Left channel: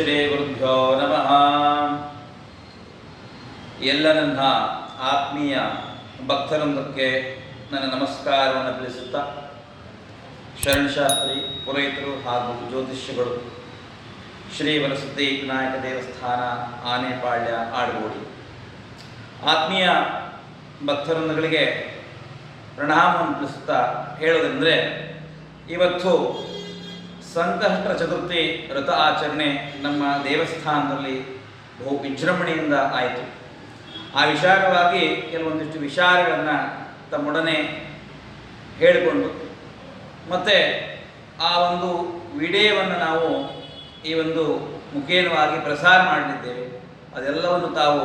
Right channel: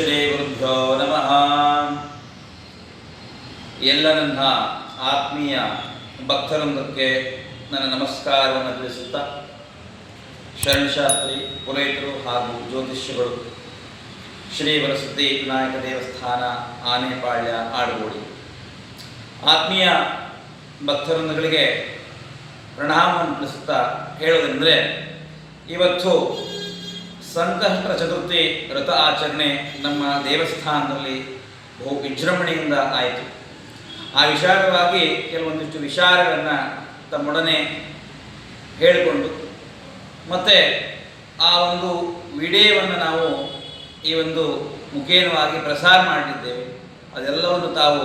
ಶ್ರೀ ಗುರುಭ್ಯೋ ನಮಃ. ಎಲ್ಲ ನನ್ನ ಆತ್ಮೀಯ ಭಕ್ತರೊಂದಕ್ಕೆ ನನ್ನ ನಮಸ್ಕಾರವನ್ನು ತಿಳಿಸುತ್ತಾ, ಶರಣಶಾಸ್ತ್ರಿ, ಪುರೋಹಿತರು ಹಾಗೂ ಜ್ಯೋತಿಷ್ಯಗಳು, ಶ್ರೀ ವರಸಿದ್ಧಿ ವಿನಾಯಕ ದೇವಸ್ಥಾನ, ಆನೆಪಾಳ್ಯ, ಆಡುಗೋಡಿ ಆತ್ಮೀಯ ಭಕ್ತರೊಂದಗಳಿಗೆ ಪ್ರಣಾಮವನ್ನು ತಿಳಿಸುತ್ತಾ ಹೇಳೋದೆಂದರೆ, ಇವತ್ತು ಸಂಕಷ್ಟ ಚತುರ್ಥಿ ವ್ರತ ಆಚರಣೆ ನಮ್ಮ ದೇವಸ್ಥಾನದಲ್ಲಿ ಬಹು ವಿಜೃಂಭಣೆಯಿಂದ ಆಯಿತು. ಆ ವಿಚಾರವಾಗಿ ಕೆಲವೊಂದಿಷ್ಟು ವಿಚಾರಗಳನ್ನು ತಮ್ಮೊಡನೆ ಹೇಳಿಕೊಂಡು ಮತ್ತು ಆ ಒಂದು ವಿಡಿಯೋವನ್ನು ನಾವು ಈ ಒಂದು ಮುಖೇನವಾಗಿ ಪ್ರಸಾರ ಮಾಡಲಿದ್ದೇವೆ. ಅದೆಲ್ಲವನ್ನು ತಾವು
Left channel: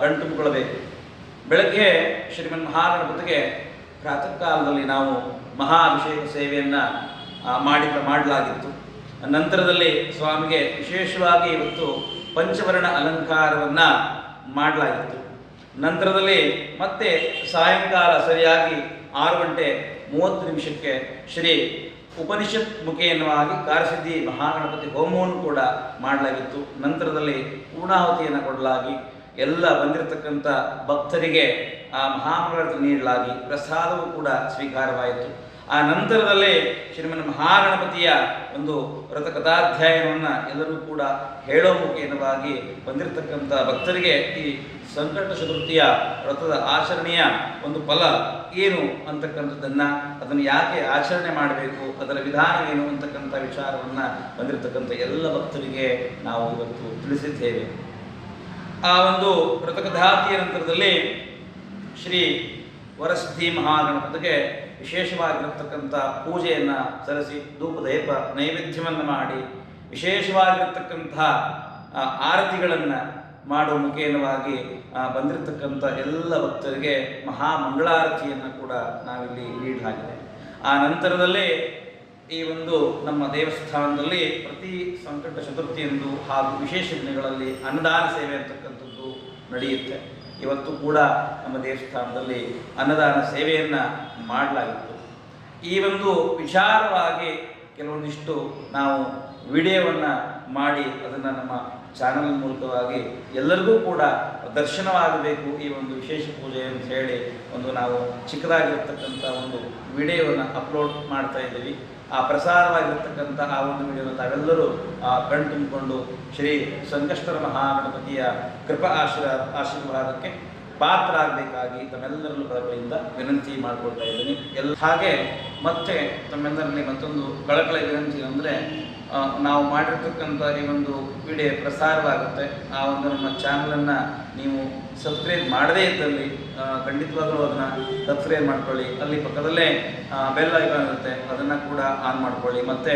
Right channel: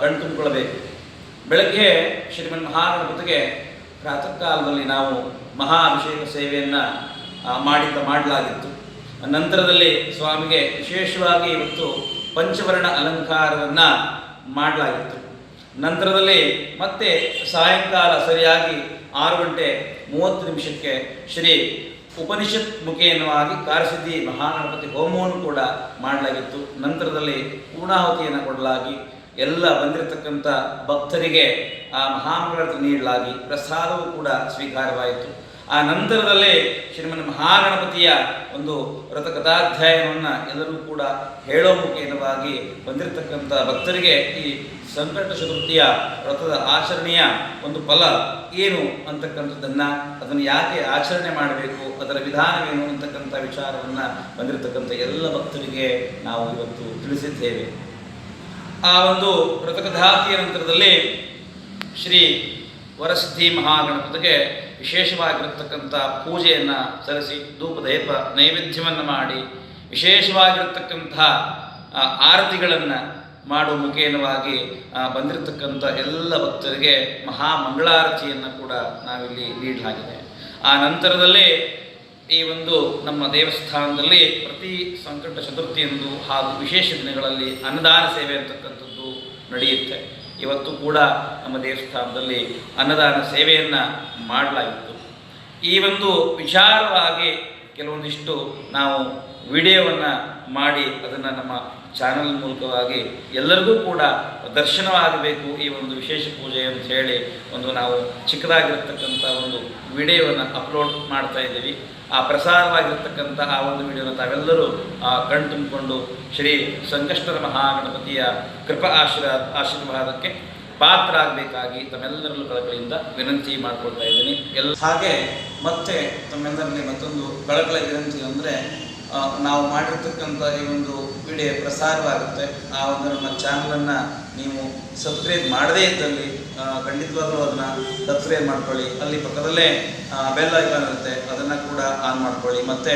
ಕಣ್ತುಂಬಿಕೊಳ್ಳಬೇಕು. ಬೆಳಗ್ಗೆ ಶ್ರೀಮನ್ ಮಹಾಗಣಪತಿಗೆ ಪ್ರಾತಃ ಕಾಲದಲ್ಲಿ ನಾವು ಮಹಾಭಿಷೇಕ ಸೇವೆಯನ್ನು ಮಾಡಲಾಗಿತ್ತು. ನಂತರದಲ್ಲಿ ಸ್ವಾಮಿಗೆ ವಿಶೇಷವಾಗಿ ಇವತ್ತು ಪಂಚವರ್ಣ ಅಲಂಕಾರವನ್ನು ಮಾಡಲಾಗಿತ್ತು. ನಂತರದಲ್ಲಿ ಮತ್ತೆ ಸಾಯಂಕಾಲ ಸರಿಯಾಗಿ 6:30 ಶ್ರೀ ಉಪನಿಷತ್ ಮುಖೇನವಾಗಿ ಕಾರಸಿದ್ಧಿ ಮಹಾಗಣಪತಿ ಹೋಮವನ್ನು ಕೂಡ ಮಾಡಲಾಗಿತ್ತು. ನಂತರದಲ್ಲಿ ಪೂರ್ಣಾಹುತಿಯನ್ನು ಕೊಡಲಾಗಿ ಎಲ್ಲ ಬಂದಿರತಕ್ಕಂಥ ಭಕ್ತರಿಗೆ ಆ ಮಹಾಮಂಗಳಾರತಿ ನೀಡಲಾಗಿ ಪ್ರಸಾದವೂ ಕೂಡ ಸ್ವೀಕಾರವಾಯಿತು. ಆ ನಂತರದಲ್ಲೇ ಶ್ರೀಮನ್ ಮಹಾಗಣಪತಿಯ ಒಂದು ವ್ರತ ಕಥಾಧ್ಯಾಯನವನ್ನು ಎಲ್ಲರೂ ಕೂಡ ಹೇಳೋ ಮುಖೇನವಾಗಿ ಬಂದಿರತಕ್ಕಂಥ ಭಕ್ತರಿಗೆ ಈ ಸಂಕಟ ಚತುರ್ಥಿಯ ವ್ರತದ ಆಚರಣೆಯ ಒಂದು ಫಲ ಏನು ಅಂತಕ್ಕಂಥದ್ದನ್ನು, ಅದನ್ನು ಯಾಕೆ ಆಚರಣೆ ಮಾಡಬೇಕು, ಅದರ ವಿಧಾನವೇನು ಅಂತಕ್ಕಂಥ ವಿಚಾರವನ್ನು ಬಂದಿರತಕ್ಕಂಥ ಎಲ್ಲ ಭಕ್ತರಿಗೆ ನಾವು ಇವತ್ತು ತಿಳಿಸಿದ್ದೇವೆ. ಆ ಒಂದು ವ್ರತಕಥಾತಿಯ ನಂತರದಲ್ಲಿ ಶ್ರೀ ವರಸಿದ್ಧಿ ಮಹಾಗಣಪತಿಗೆ ವಿಶೇಷವಾಗಿರತಕ್ಕಂಥ ಪೂಜೆಯನ್ನು ಸಲ್ಲಿಸಿ ಧೂಪದೀಪ ನೈವೇದ್ಯವನ್ನು ಮಾಡಿ ವಿಶೇಷವಾಗಿರತಕ್ಕಂಥ ಆರತಿಗಳನ್ನು ಮಾಡುವ ಮುಖೇನವಾಗಿ ಬಂದಿರತಕ್ಕಂಥ ಎಲ್ಲ ಭಕ್ತರಿಗೆ ಮಹಾಮಂಗಳಾರತಿಯನ್ನು ಕೂಡ ನಾವಿಲ್ಲಿ ನೀಡಲಾಗಿದೆ. ಆ ನಂತರದಲ್ಲಿ ಈ ಒಂದು ನಮ್ಮ ದೇವಸ್ಥಾನದಲ್ಲಿ ಪ್ರತಿ ಸಂಕಟ ಚತುರ್ಥಿಯಂದು ಹಾಗೂ ವಿಶೇಷ ದಿನಗಳಲ್ಲಿ ಅನ್ನದಾನ ಸೇವೆ ಅಂತಕ್ಕಂಥದ್ದು ನಡೆಯುತ್ತೆ. ಇವತ್ತು ಕೂಡ ನಮ್ಮ ದೇವಸ್ಥಾನದಲ್ಲಿ ಅನ್ನದಾನ ಸೇವೆಯನ್ನು ಮಾಡಲಾಗಿತ್ತು. ಈ ಒಂದು ವಿಚಾರವಾಗಿ ಕೆಲವೊಂದಿಷ್ಟು ನಾವು ವಿಡಿಯೋವನ್ನು ಮಾಡಿ ಅದನ್ನು ನಮ್ಮ ಚಾನಲ್ ಮೂಲಕವಾಗಿ ಎಲ್ಲರಿಗೂ ಕೂಡ ದರ್ಶನವಾಗಬೇಕು ಈ ಒಂದು ವಿಶೇಷ ಪೂಜೆ ಅಂತ ಹೇಳಿ ನಾವು ಚಿಕ್ಕದಾಗಿರ್ತಕ್ಕಂಥ ಒಂದು ವಿಡಿಯೋವನ್ನು ಅಪ್ಲೋಡ್ ಮಾಡ್ತಾ ಇದ್ದೀವಿ. ಆ ಪ್ರಸಾರವಾಗಿರ್ತಕ್ಕಂಥ ಆ ಒಂದು ವಿಡಿಯೋನ ತಾವೆಲ್ಲರೂ ಕಣ್ತುಂಬಿಕೊಂಡು ಶ್ರೀ ಸಂಕಷ್ಟರ ಮಹಾಗಣಪತಿಯ ಕೃಪಾ ಆಶೀರ್ವಾದಕ್ಕೆ ಪಾತ್ರ ಆಗಬೇಕಾಗಿ ತಮ್ಮೆಲ್ಲರಲ್ಲೂ ಕಳಕಳಿಯಿಂದ ವಿನಂತಿ ಮಾಡಿಕೊಳ್ತಾ ಇದ್ದೀನಿ. ಹಾಗೆ ಮತ್ತೆ ತಮ್ಮೆಲ್ಲರಲ್ಲಿ ಮತ್ತೊಂದು ಕಳಕಳಿ ವಿನಂತಿ ಅಂದರೆ, ನಾವು ಮಾಡಿರ್ತಕ್ಕಂಥ ಈ ಒಂದು ವಿಡಿಯೋ ಪ್ರಸಾರವಾಗುತ್ತೆ. ಆ ಒಂದು ನಮ್ಮ ಚಾನಲನ್ನು ನೀವು ಸಬ್ಸ್ಕ್ರೈಬ್ ಮಾಡದೇ ಇದ್ದಲ್ಲಿ ಖಂಡಿತವಾಗಲೂ ಅದನ್ನು ಸಬ್ಸ್ಕ್ರೈಬ್ ಮಾಡ್ಕೊಳ್ಳಿ. ಅಲ್ಲಿ ಪಕ್ಕದಲ್ಲೇ ಬೆಲ್ ಐಕಾನ್ ಇರುತ್ತೆ, ಅದನ್ನು ಕೂಡ ಆನ್ ಮಾಡ್ಕೊಳ್ಳಿ. ಮತ್ತು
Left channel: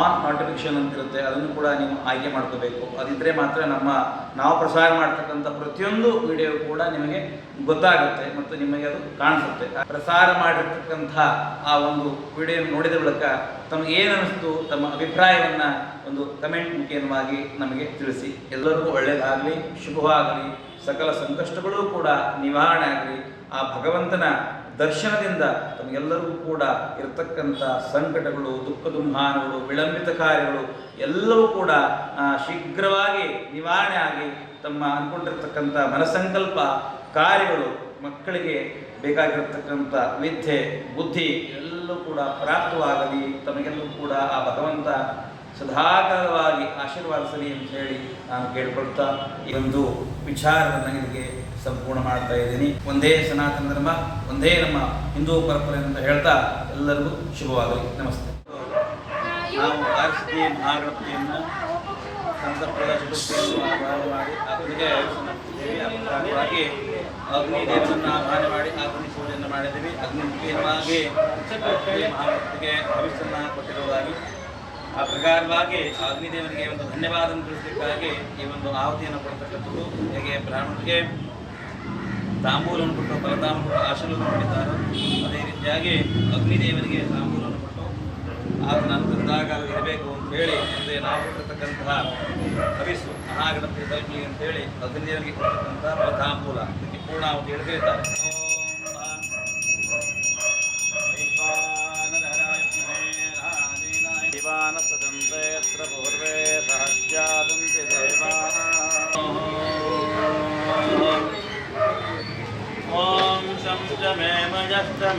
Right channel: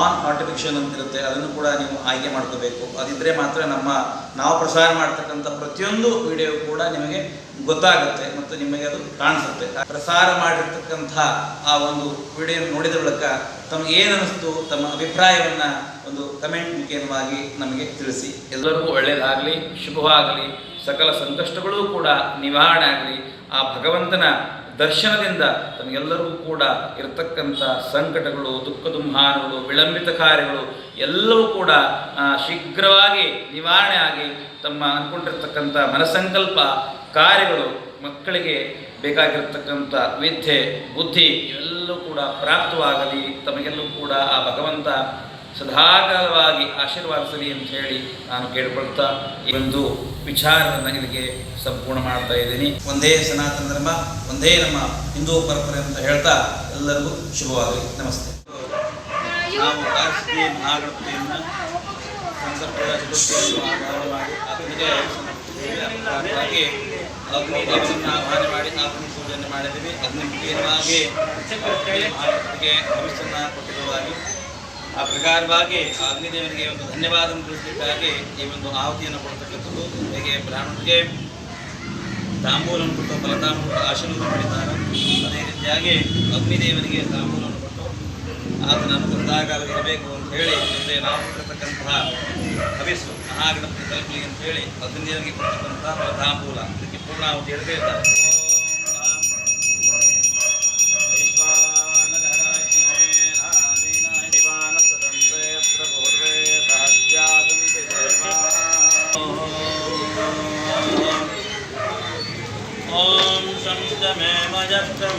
ಆನ್ ನೋಟಿಫಿಕೇಷನ್ ಅಂತಿರುತ್ತೆ, ಅದನ್ನು ಕೂಡ ನೀವು ಆಯ್ಕೆ ಮಾಡ್ಕೋಬೇಕು. ಅದಿದ್ದರೆ ಮಾತ್ರ ನಾವು ಪ್ರಸಾರ ಮಾಡ್ತಕ್ಕಂಥ ಪ್ರತಿಯೊಂದು ವಿಡಿಯೋ ಕೂಡ ನಿಮಗೆ ಗೊತ್ತಾಗುತ್ತೆ ಮತ್ತು ನಿಮಗೆ ಅದು ಕಾಣಿಸುತ್ತೆ. ಪ್ರಸಾರ ಮಾಡಿರ್ತಕ್ಕಂಥ ಆ ಒಂದು ವಿಡಿಯೋ ನೋಡಿದ ಬಳಿಕ ತಮಗೆ ಏನು ಅನ್ನಿಸ್ತು, ತಮ್ಮ ಅಭಿಪ್ರಾಯವನ್ನು ಒಂದು ಕಮೆಂಟ್ ಮುಖೇನವಾಗಿ ನಮಗೆ ತಿಳಿಸಿ. ಎಲ್ಲರಿಗೂ ಒಳ್ಳೆಯದಾಗಲಿ, ಶುಭವಾಗಲಿ, ಸಕಲ ಸಂಕಷ್ಟಗಳೂ ಕೂಡ ನಿವಾರಣೆ ಆಗಲಿ. ಆ ಭಗವಂತನ ದರ್ಶನದಿಂದ ತಮಗೆಲ್ಲರಿಗೂ ಕೂಡ ಇರತಕ್ಕಂಥ ಸಂಕಟಗಳು, ದುಃಖ ದುಮ್ಮಾನಗಳು, ವಿಳಂಬಿತ ಕಾರ್ಯಗಳು ಎಲ್ಲವೂ ಕೂಡ ಶೀಘ್ರವಾಗಿ ನಿವಾರಣೆ ಆಗಿ ತಮ್ಮ ಅಂದ್ಕೊಂಡಿರ್ತಕ್ಕಂಥ ಮನಸಂಕಲ್ಪ ಕಾರ್ಯಗಳು, ಮಕ್ಕಳಿಗೆ ಬೇಕಾಗಿರತಕ್ಕಂಥ ವಿದ್ಯೆ, ಬುದ್ಧಿ ಇವೆಲ್ಲವೂ ಕೂಡ ಪ್ರಾಪ್ತವಾಗಲಿ. ತಮಗೆಲ್ಲೂ ಕೂಡ ಆ ಭಗವಂತ ಸದಾಕಾಲವಾಗಿ ಆಶೀರ್ವಾದಿಸಲಿ ಅಂತ ಹೇಳಿ ನಾನು ಕೇಳಿಕೊಳ್ತಾ ಈ ಒಂದು ವಿಚಾರವನ್ನು ಇಲ್ಲಿಗೆ ಸಂಪೂರ್ಣ ಮಾಡ್ತಾ ಇದ್ದೀನಿ. ಒಂದೇ ಸನಾತನ ಧರ್ಮ, ಒಂದೇ ನಮ್ಮ ಹಿಂದೂ ಪರಂಪರೆ ಅಂತ ಹೇಳ್ತಾ ಎಲ್ಲರಿಗೂ ಶುಭವಾಗಲಿ. ನಮಸ್ತೆ. ನಾವು ಕಾರಸಿದ್ಧಿ ಮಹಾಗಣಪತಿಯನ್ನು ಸಂಕಷ್ಟದ ಚತುರ್ಥಿಯನ್ನು ಆಹ್ವಾನ ಮಾಡಿ ಅದಕ್ಕೆ ಅಗ್ನಿ ದೇವರನ್ನು ಆಹ್ವಾನ ಮಾಡಿ ಅಗ್ನಿ ಪೂಜೆಯನ್ನು ಮಾಡಿದ್ದೀವಿ. ಅಗ್ನಿ ಮುಖೇನವಾಗಿ ಮಹಾಗಣಪತಿಗೆ ಭವಿಷ್ಯವನ್ನು ಕೊಟ್ಟಿರುವುದಾಗಿ ಆ ಪ್ರಕಾರವಾಗಿ ಅಗ್ನಿದೇವರಿಗೆ ಒಂದು ಧನ್ಯವಾದವನ್ನು ತಿಳಿಸಲಿಕ್ಕಾಗಿ ಈ ಒಂದು ಆಹುತಿಯನ್ನು ಕೊಡ್ತಕ್ಕಂಥದ್ದು. ಹೇಗೆ ಬ್ರಾಹ್ಮಣರಿಗೆ ತಾಂಬೂಲವನ್ನು ಕೊಟ್ಟು ಫಲತಾಂಬೂಲ ಆಶೀರ್ವಾದ ಮಾಡಿದ್ದಾರೆ, ಅದೇ ರೀತಿಯಾಗಿ ಅಗ್ನಿದೇವರಿಗೆ ತಾಂಬೂಲವನ್ನು ಕೊಟ್ಟು ಆತನ ಅನುಗ್ರಹದಾಗ ಇರಬೇಕು ಅಂತ ಹೇಳಿ ಮುಂದೆ ನಾವು ಕೊಡ್ತಕ್ಕಂತಹ ಹವಿಸ್ಸು ಮಹಾಗಣಪತಿ ತಲುಪಲಿ ಅಂತ ಹೇಳಿ ಅಗ್ನಿದೇವರಿಗೆ ಕೊಡ್ತಕ್ಕಂಥ ಫಲತಾಂಬೂಲ ಅದಕ್ಕೆ ಪೂರ್ಣಾಹುತಿ ಹೇಳ್ತಾ ಇದ್ದಾರೆ.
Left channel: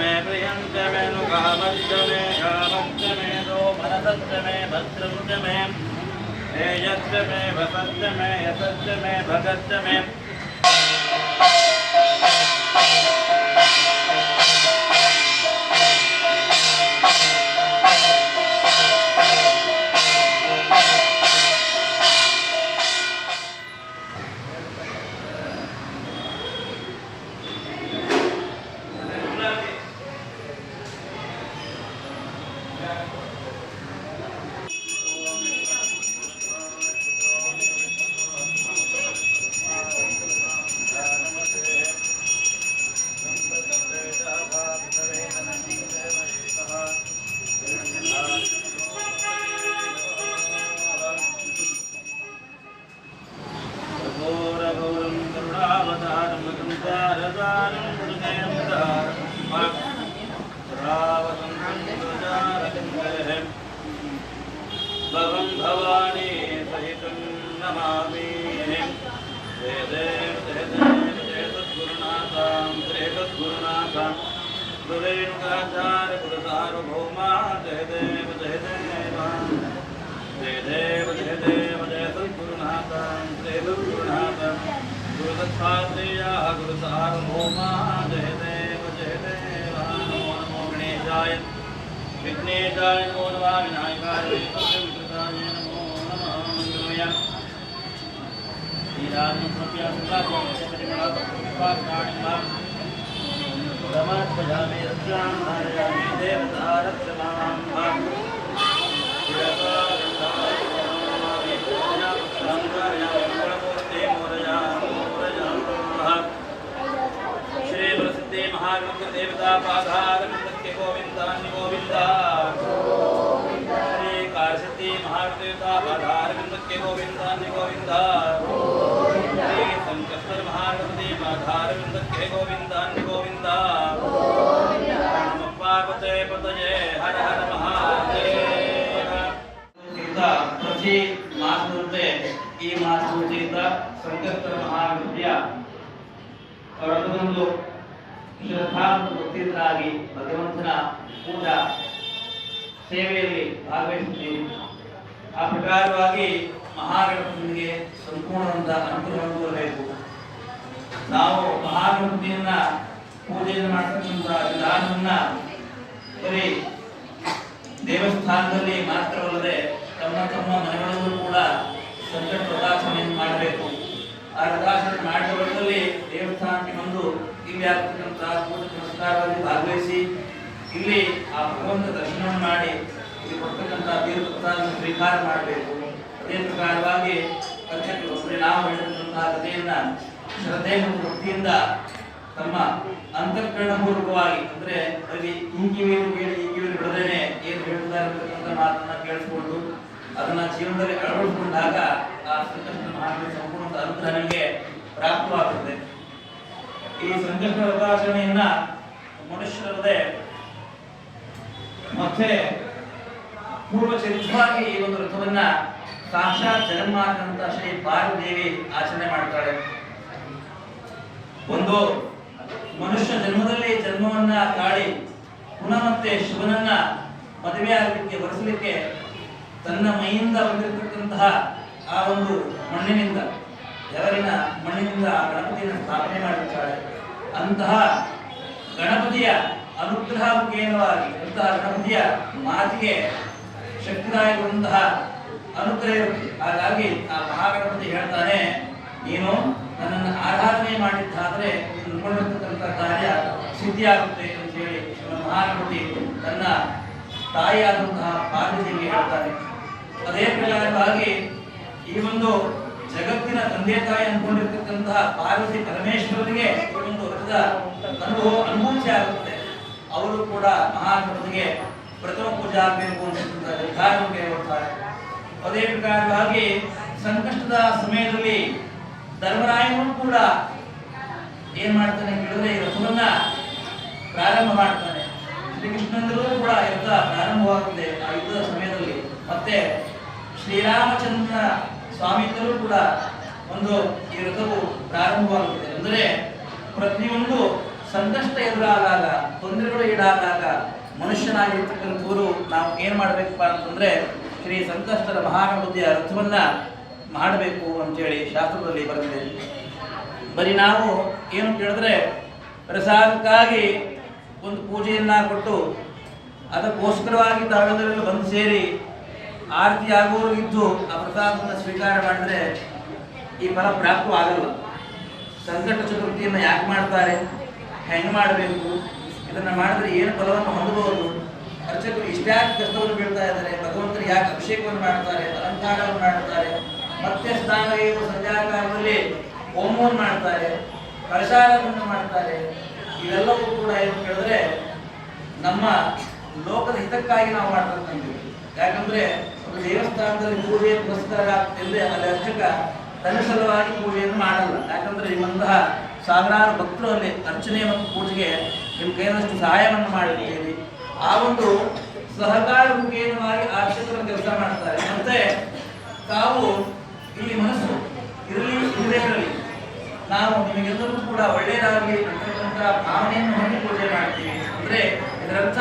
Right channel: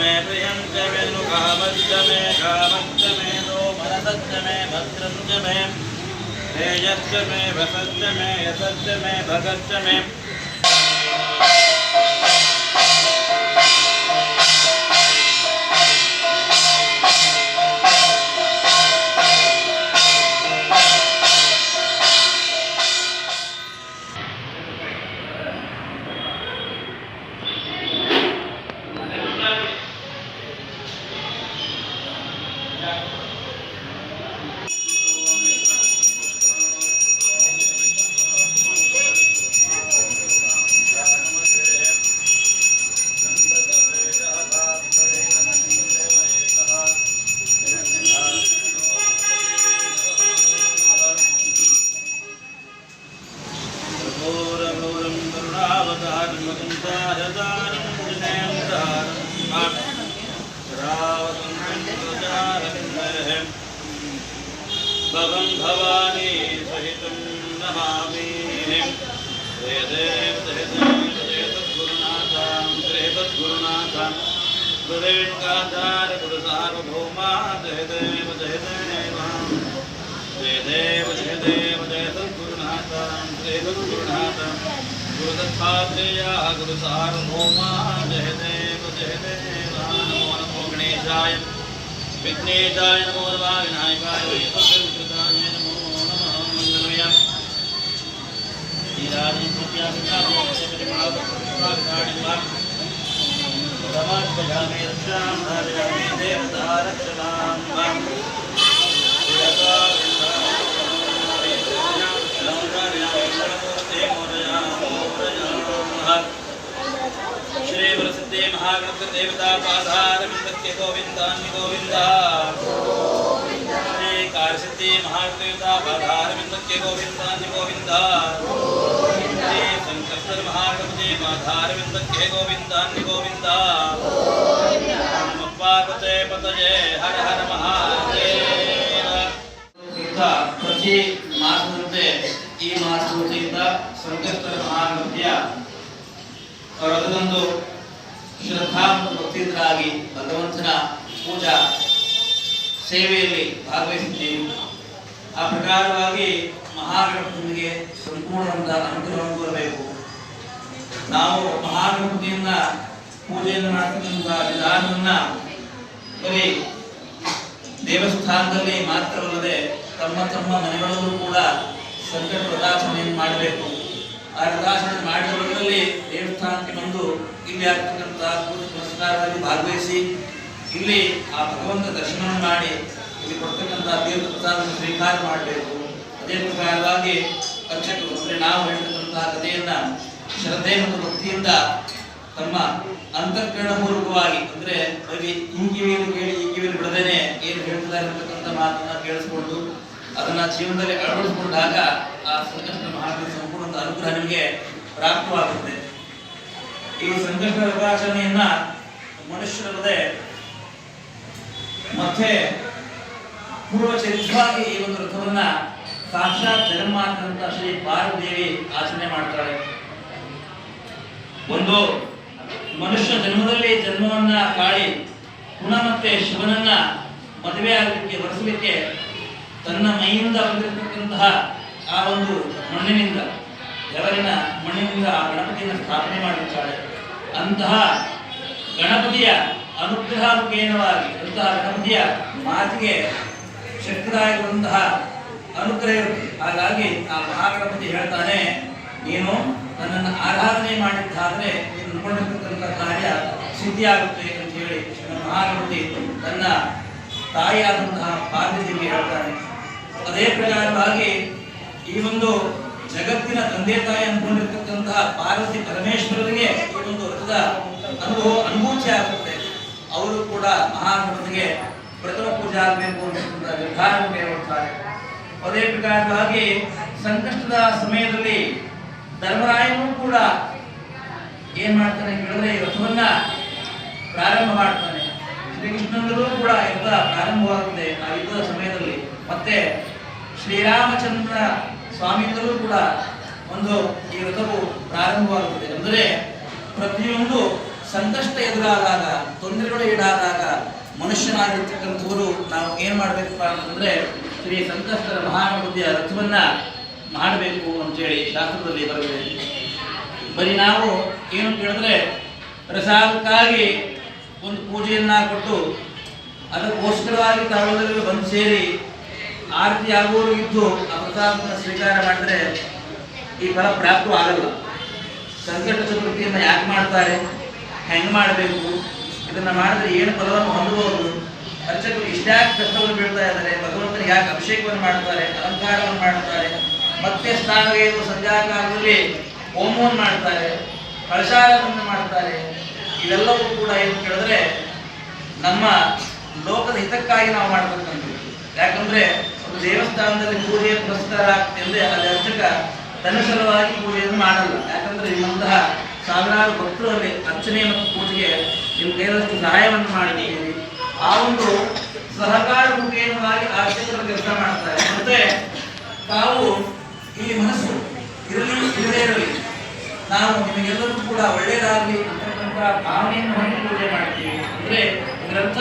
मे प्रियंच मे नुकामच्च मे कामच्च मे नो मनसच्च मे भद्रंच मे तेजश्च मे वसच्च मे यशश्च मे भगच्च मे भवं भवानी सहितं नमामि जय देव जय तद्गुरुनाथं जय तद्गुरुनाथं गुरुरेणुकाचार्य गुरुसार्वभौमा जय देव जय देव जय तद्गुरुनाथं जय तद्गुरुनाथं गुरुदत्तात्रेय गुरुसार्वभौमा जय देव नमो नमो गणेशाय विघ्नेशाय नमो नमः विनायकाय विघ्नकृताय नमो नमः मंगलमय समात्मजामि रक्षां धारयामि देवता रक्षणां श्री प्रसिद्धे महागणपति देवता पाधार विंदक्य गोविंदान्य गोविंदा श्री कारसिद्धि महादेवता पाधार विंदक्य गोविंदान्य गोविंदा श्री संकष्टर महागणपति पाधार विंदक्य गोविंदान्य गोविंदा नमः पार्वते पतये हर हर महादेव ಪ್ರತಿ ಮಾಸದಂತೆ ಈ ಮಾಸದಿಂದ ಸಂಕಷ್ಟರ ಮಹಾಗಣಪತಿಯ ರಥದಂದು ಶ್ರದ್ಧಾ ಮತ್ತು ಭಕ್ತಿಯುತರಾಗಿ ಭಗವಂತನ ಪೂಜಾ ಸೇವೆಯಲ್ಲಿ ಭಾಗವಹಿಸಿದ್ದೀವಿ. ಆ ಪ್ರಕಾರವಾಗಿ ಮಹಾಗಣಪತಿಗೆ ಸಂಪೂರ್ಣವಾದ ಅನುಗ್ರಹವನ್ನು ಬರಬೇಕು. ನಾವು ಮಹಾಗಣಪತಿಯನ್ನ ಪೂಜೆಯನ್ನು ಮಾಡತಕ್ಕಂಥ ವಿಧಾನವನ್ನ ಬರೀ ದೇವಸ್ಥಾನದಲ್ಲಿ ಮಾತ್ರವಲ್ಲದೆ ತಮ್ಮ ತಮ್ಮ ಮನೆಗಳಲ್ಲೂ ಕೂಡ ಸಂಕಟ ವ್ರತಾಚರಣೆಯನ್ನು ಮಾಡಬೇಕು. ಆ ವ್ರತಾಚರಣೆ ಮಾಡಿದವರಲ್ಲಿ ದೇವಸ್ಥಾನಕ್ಕೆ ಬಂದು ಇಲ್ಲಿ ಆಗ್ತಕ್ಕಂತಹ ಪೂಜೆ ಪುರಸ್ಕಾರದಲ್ಲಿ ಭಾಗವಹಿಸಿ ಇಲ್ಲಿ ಆ ಭಗವಂತ ದರ್ಶನವನ್ನು ಮಾಡಿ ಇಲ್ಲಿ ಕೊಡ್ತಕ್ಕಂಥ ತೀರ್ಥ ಪ್ರಸಾದವನ್ನು ಸ್ವೀಕಾರ ಮಾಡಬೇಕು. ಅದೇ ಪ್ರಕಾರವಾಗಿ ಅರ್ಚಕರು ಅಂದರೆ ನಾವು ಹೇಳ್ತಕ್ಕಂತಹ ಕಥೆಯನ್ನ ಶ್ರದ್ಧೆ ಮತ್ತು ಭಕ್ತಿಯಿಂದ ತಮ್ಮ ಅಂತಃಕರಣಪೂರ್ವಕವಾಗಿ ಅಂದರೆ ಬರೀ ಈ ಕಿವಿಯನ್ನು ಕೇಳಿ ಈ ಕಿವಿಯನ್ನು ಬಿಡದೇನೆ ಏನು ಹೇಳ್ತಿದ್ದಾರೆ ಅಂತಕ್ಕಂಥ ಮಾತನ್ನ ಕೇಳಿಸ್ಕೊಂಡು ಅದನ್ನ ಜೀವನದಲ್ಲಿ ಅಳವಡಿಸಿಕೊಂಡಾಗ ಆ ಸಂಕಷ್ಟ ಮಹಾಗಣಪತಿ ಸಂಪೂರ್ಣ ಅನುಗ್ರಹ ನಿಮಗೆ ಪ್ರಾಪ್ತವಾಗುತ್ತದೆ. ಈ ಸಂಕಷ್ಟ ವ್ರತಾಚರಣೆಯನ್ನ ಮನುಷ್ಯರಲ್ಲದೆ ಮತ್ತೆ ಪೂರ್ವಚರಿತವಾಗಿ ಈ ಒಂದು ವ್ರತವನ್ನ ಸಾಕ್ಷಾತ್ ಜಗನ್ಮಾತಂತ ಶ್ರೀ ಪಾರ್ವದೇವಿ ಆಚರಣೆ ಮಾಡ್ತಾಳೆ. ಒಂದು ಮನುಷ್ಯ ಜನ್ಮದಲ್ಲಿ ಜನ್ಮವನ್ನ ಕಾಡಿ ಪುನಃ ಮತ್ತೆ ಶಿವನನ್ನ ಮದುವೆ ಆಗಲಿಕ್ಕೆ ಹೊರಿಸಲಿಕ್ಕೆ ತನ್ನ ಮೈಯಿಂದ ಬಂದಿರತಕ್ಕಂತಹ ಆ ಒಂದು ಮಣ್ಣಿನಿಂದ ಜವರಿನ ಮಣ್ಣಿನಿಂದ ಆ ಗಣಪತಿಯನ್ನು ಸ್ಥಾಪನೆ ಮಾಡಿರ್ತಾಳೆ. ಅಂತಹ ಗಣಪತಿಯ ಅನುಗ್ರಹ ಮುಖೇನವಾಗಿ ಅಂತಹ ಗಣಪತಿಯ ಮಾತಿಗೆ ಶಕ್ತಿದಾಯಕವಂತಹ ಅನುಗ್ರಹ ಇರುತ್ತೆ. ಹಾಗಾಗಿ ಆ ಮಹಾಗಣಪತಿ ಹೇಳ್ತಾನೆ, ನೀನು ನನ್ನನ್ನು ಆರಾಧನೆ ಮಾಡಿದ್ದಾದರೆ ನೀನು ಅನ್ಕೊಂಡಿರ್ತಕ್ಕಂಥ ಕಾರ್ಯ ಸಿದ್ಧಿಯಾಗುತ್ತೆ ಅಂತ ಹೇಳಿ ಮಹಾಗಣಪತಿ ತನ್ನ ತಾಯಿಯಾದಂತಹ ಪಾರ್ವತಿಗೆ ಹೇಳ್ತಾನೆ. ಅದೇ ಪ್ರಕಾರವಾಗಿ ಈ ಒಂದು ಜಗತ್ತಿನ ತಂದೆ ತಾಯಿ ಅನ್ಕೊಂಡಿರ್ತಕ್ಕಂತಹ ಪಾರ್ವತಿ ಪರಮೇಶ್ವರನಿಗೆ ಈ ಒಂದು ವ್ರತದ ಅನುಭೂತಿ ಆಗುತ್ತೆ. ಅವರು ಕೂಡ ಮಹಾಗಣಪತಿಗೆ ಪ್ರಥಮ ಪೂಜೆ ಆಗಬೇಕು ಅಂತಕ್ಕಂಥ ನಿರ್ಧಾರವನ್ನು ಕೈಗೊಳ್ತಾರೆ. ಅದೇ ಪ್ರಕಾರವಾಗಿ ಸಂಕಷ್ಟದ ಸಮಯದಲ್ಲಿ ಧರ್ಮರಾಯನು ಕೂಡ ಏನ್ ಮಾಡ್ತಾನೆ ಕೇಳಿದ್ರೆ ಈ ರಥವನ್ನ ಪ್ರಾರಂಭ ಮಾಡ್ತಾನೆ. ಶ್ರೀಕೃಷ್ಣಂದಲೂ ಕೂಡ ಯುದ್ಧ ಪ್ರಾರಂಭವಾಗುತ್ತದೆ ಆ ಯುದ್ಧದ ಸಮಯದಲ್ಲಿ. ಮತ್ತೆ ಶ್ರೀರಾಮಚಂದ್ರ ಸ್ವಾಮಿಗಳು ಕೂಡ ಒಂದು ಈ ವ್ರತವು ಪ್ರಾರಂಭವಾಗುತ್ತದೆ. ಅಂದರೆ ಪ್ರತಿಯೊಂದು ಸಂಕಷ್ಟ ಎದುರಾದಾಗ, ತೊಂದರೆಗಳು ಈಡಾದಾಗ ಮನುಷ್ಯನಾಗಿರ್ತಕ್ಕಂಥವರು ನಾವು ಏನು ಮಾಡಬೇಕಪ್ಪ ಅಂತಂದರೆ ಶ್ರೀ ಸಂಕಷ್ಟದ ಮಹಾಗಣಪತಿಯ ರಥವನ್ನು ಮಾಡಬೇಕು ಅಂತೇಳಿ ಶಾಸ್ತ್ರದಲ್ಲಿ ಬರೆದಿದೆ. ಬರೀ ನಾವು ಏನು ಕೇಳಿದ್ರೆ ಪ್ರಸಾದಕ್ಕಾಗಿ ಒಂದು ಪೂಜೆಯನ್ನು ಕೊಟ್ಟು ಅದಕ್ಕೋಸ್ಕರವಾಗಿ ತಾವೆಲ್ಲರಿಗೂ ಬಂದು ಸೇರಿ ಆರತಿ ಆಗುವವರು ಇದ್ದು ಆ ಪ್ರಸಾದವನ್ನು ಸ್ವೀಕಾರ ಮಾಡಿದ್ರೆ ಈ ಫಲ ಪ್ರಾಪ್ತ ಆಗಲ್ಲ. ಸಂಕಷ್ಟ ಚತುರ್ಥಿಯನ್ನು ಯಾಕೆ ಮಾಡ್ತಾರೆ, ಹೆಂಗೆ ಮಾಡಬೇಕು, ಇದನ್ನು ಮಾಡಿದ್ರೆ ಏನು ಫಲವನ್ನು ಹೊಂದಬಹುದು, ಅರ್ಚಕರು ಇಷ್ಟ್ಯಾಕೆ ಕಷ್ಟವನ್ನು ಬೀಳ್ತಾ ಇದ್ದಾರೆ, ಭಗವಂತನಿಗೆ ಯಾಕೆ ಅಭಿಷೇಕವನ್ನು ಮಾಡ್ತಾರೆ, ಅಲಂಕಾರವನ್ನು ಮಾಡ್ತಾರೆ, ಮತ್ತೆ ಸ್ನಾನಗೈದು ಸಂಧ್ಯಾಕಾಲದಲ್ಲಿ ಹೋಮವನ್ನು ಮಾಡ್ತಾರೆ, ಕಳಶಾರಾಧನೆ ಮಾಡ್ತಾರೆ. ಇವೆಲ್ಲವೂ ಕೂಡ ಏನು ಕೇಳಿದ್ರೆ ನಮ್ಮ ಲೋಕದ ಹಿತಕ್ಕಾಗಿ ನಾವು ಮಾಡ್ತಕ್ಕಂಥದ್ದು. ಯಾಕಂದ್ರೆ ಒಂದು ದೇವಸ್ಥಾನದಲ್ಲಿ ಪೂಜೆ ಪುರಸ್ಕಾರ ಎಂದೇ ಅದು ಅರ್ಚಕ ತನ್ನ ಸಲುವಾಗಿ ಪೂಜೆಯನ್ನು ಮಾಡಲ್ಲ. ಯಾಕಂದ್ರೆ ನಿಮ್ಮಂತಹ ಸಾವಿರಾರು ಭಕ್ತರು ಅಲ್ಲಿ ಅರ್ಚನೆ ಮತ್ತು ಪೂಜೆಗೆ ನಿಮ್ಮ ಕೈಯಲ್ಲಷ್ಟು ಸಹಾಯವನ್ನು ಮಾಡಿದ್ದೀರಿ. ಆ ಒಂದು ಸಹಕಾರ ಮುಖೇನವಾಗಿ ಅರ್ಚಕರು ಕೆಲಸ ಮಾಡ್ತಾರೆ. ಮತ್ತೆ ತಾವು ಈ ಮನಸ್ಸು ಇರಲಿ ಇರದೇ ಇರಲಿ, ನಾವು ನಿಮಗೆಲ್ಲರೂ ಕೂಡ ಒಳ್ಳೆಯದಾಗಲಿ ಅಂತಕ್ಕಂಥ ಭಾವನೆಯನ್ನು ಹೊಂದಿ ಪೂಜೆ ಮಾಡ್ತೀವಿ. ಅಂದ್ರೆ ಇದರರ್ಥ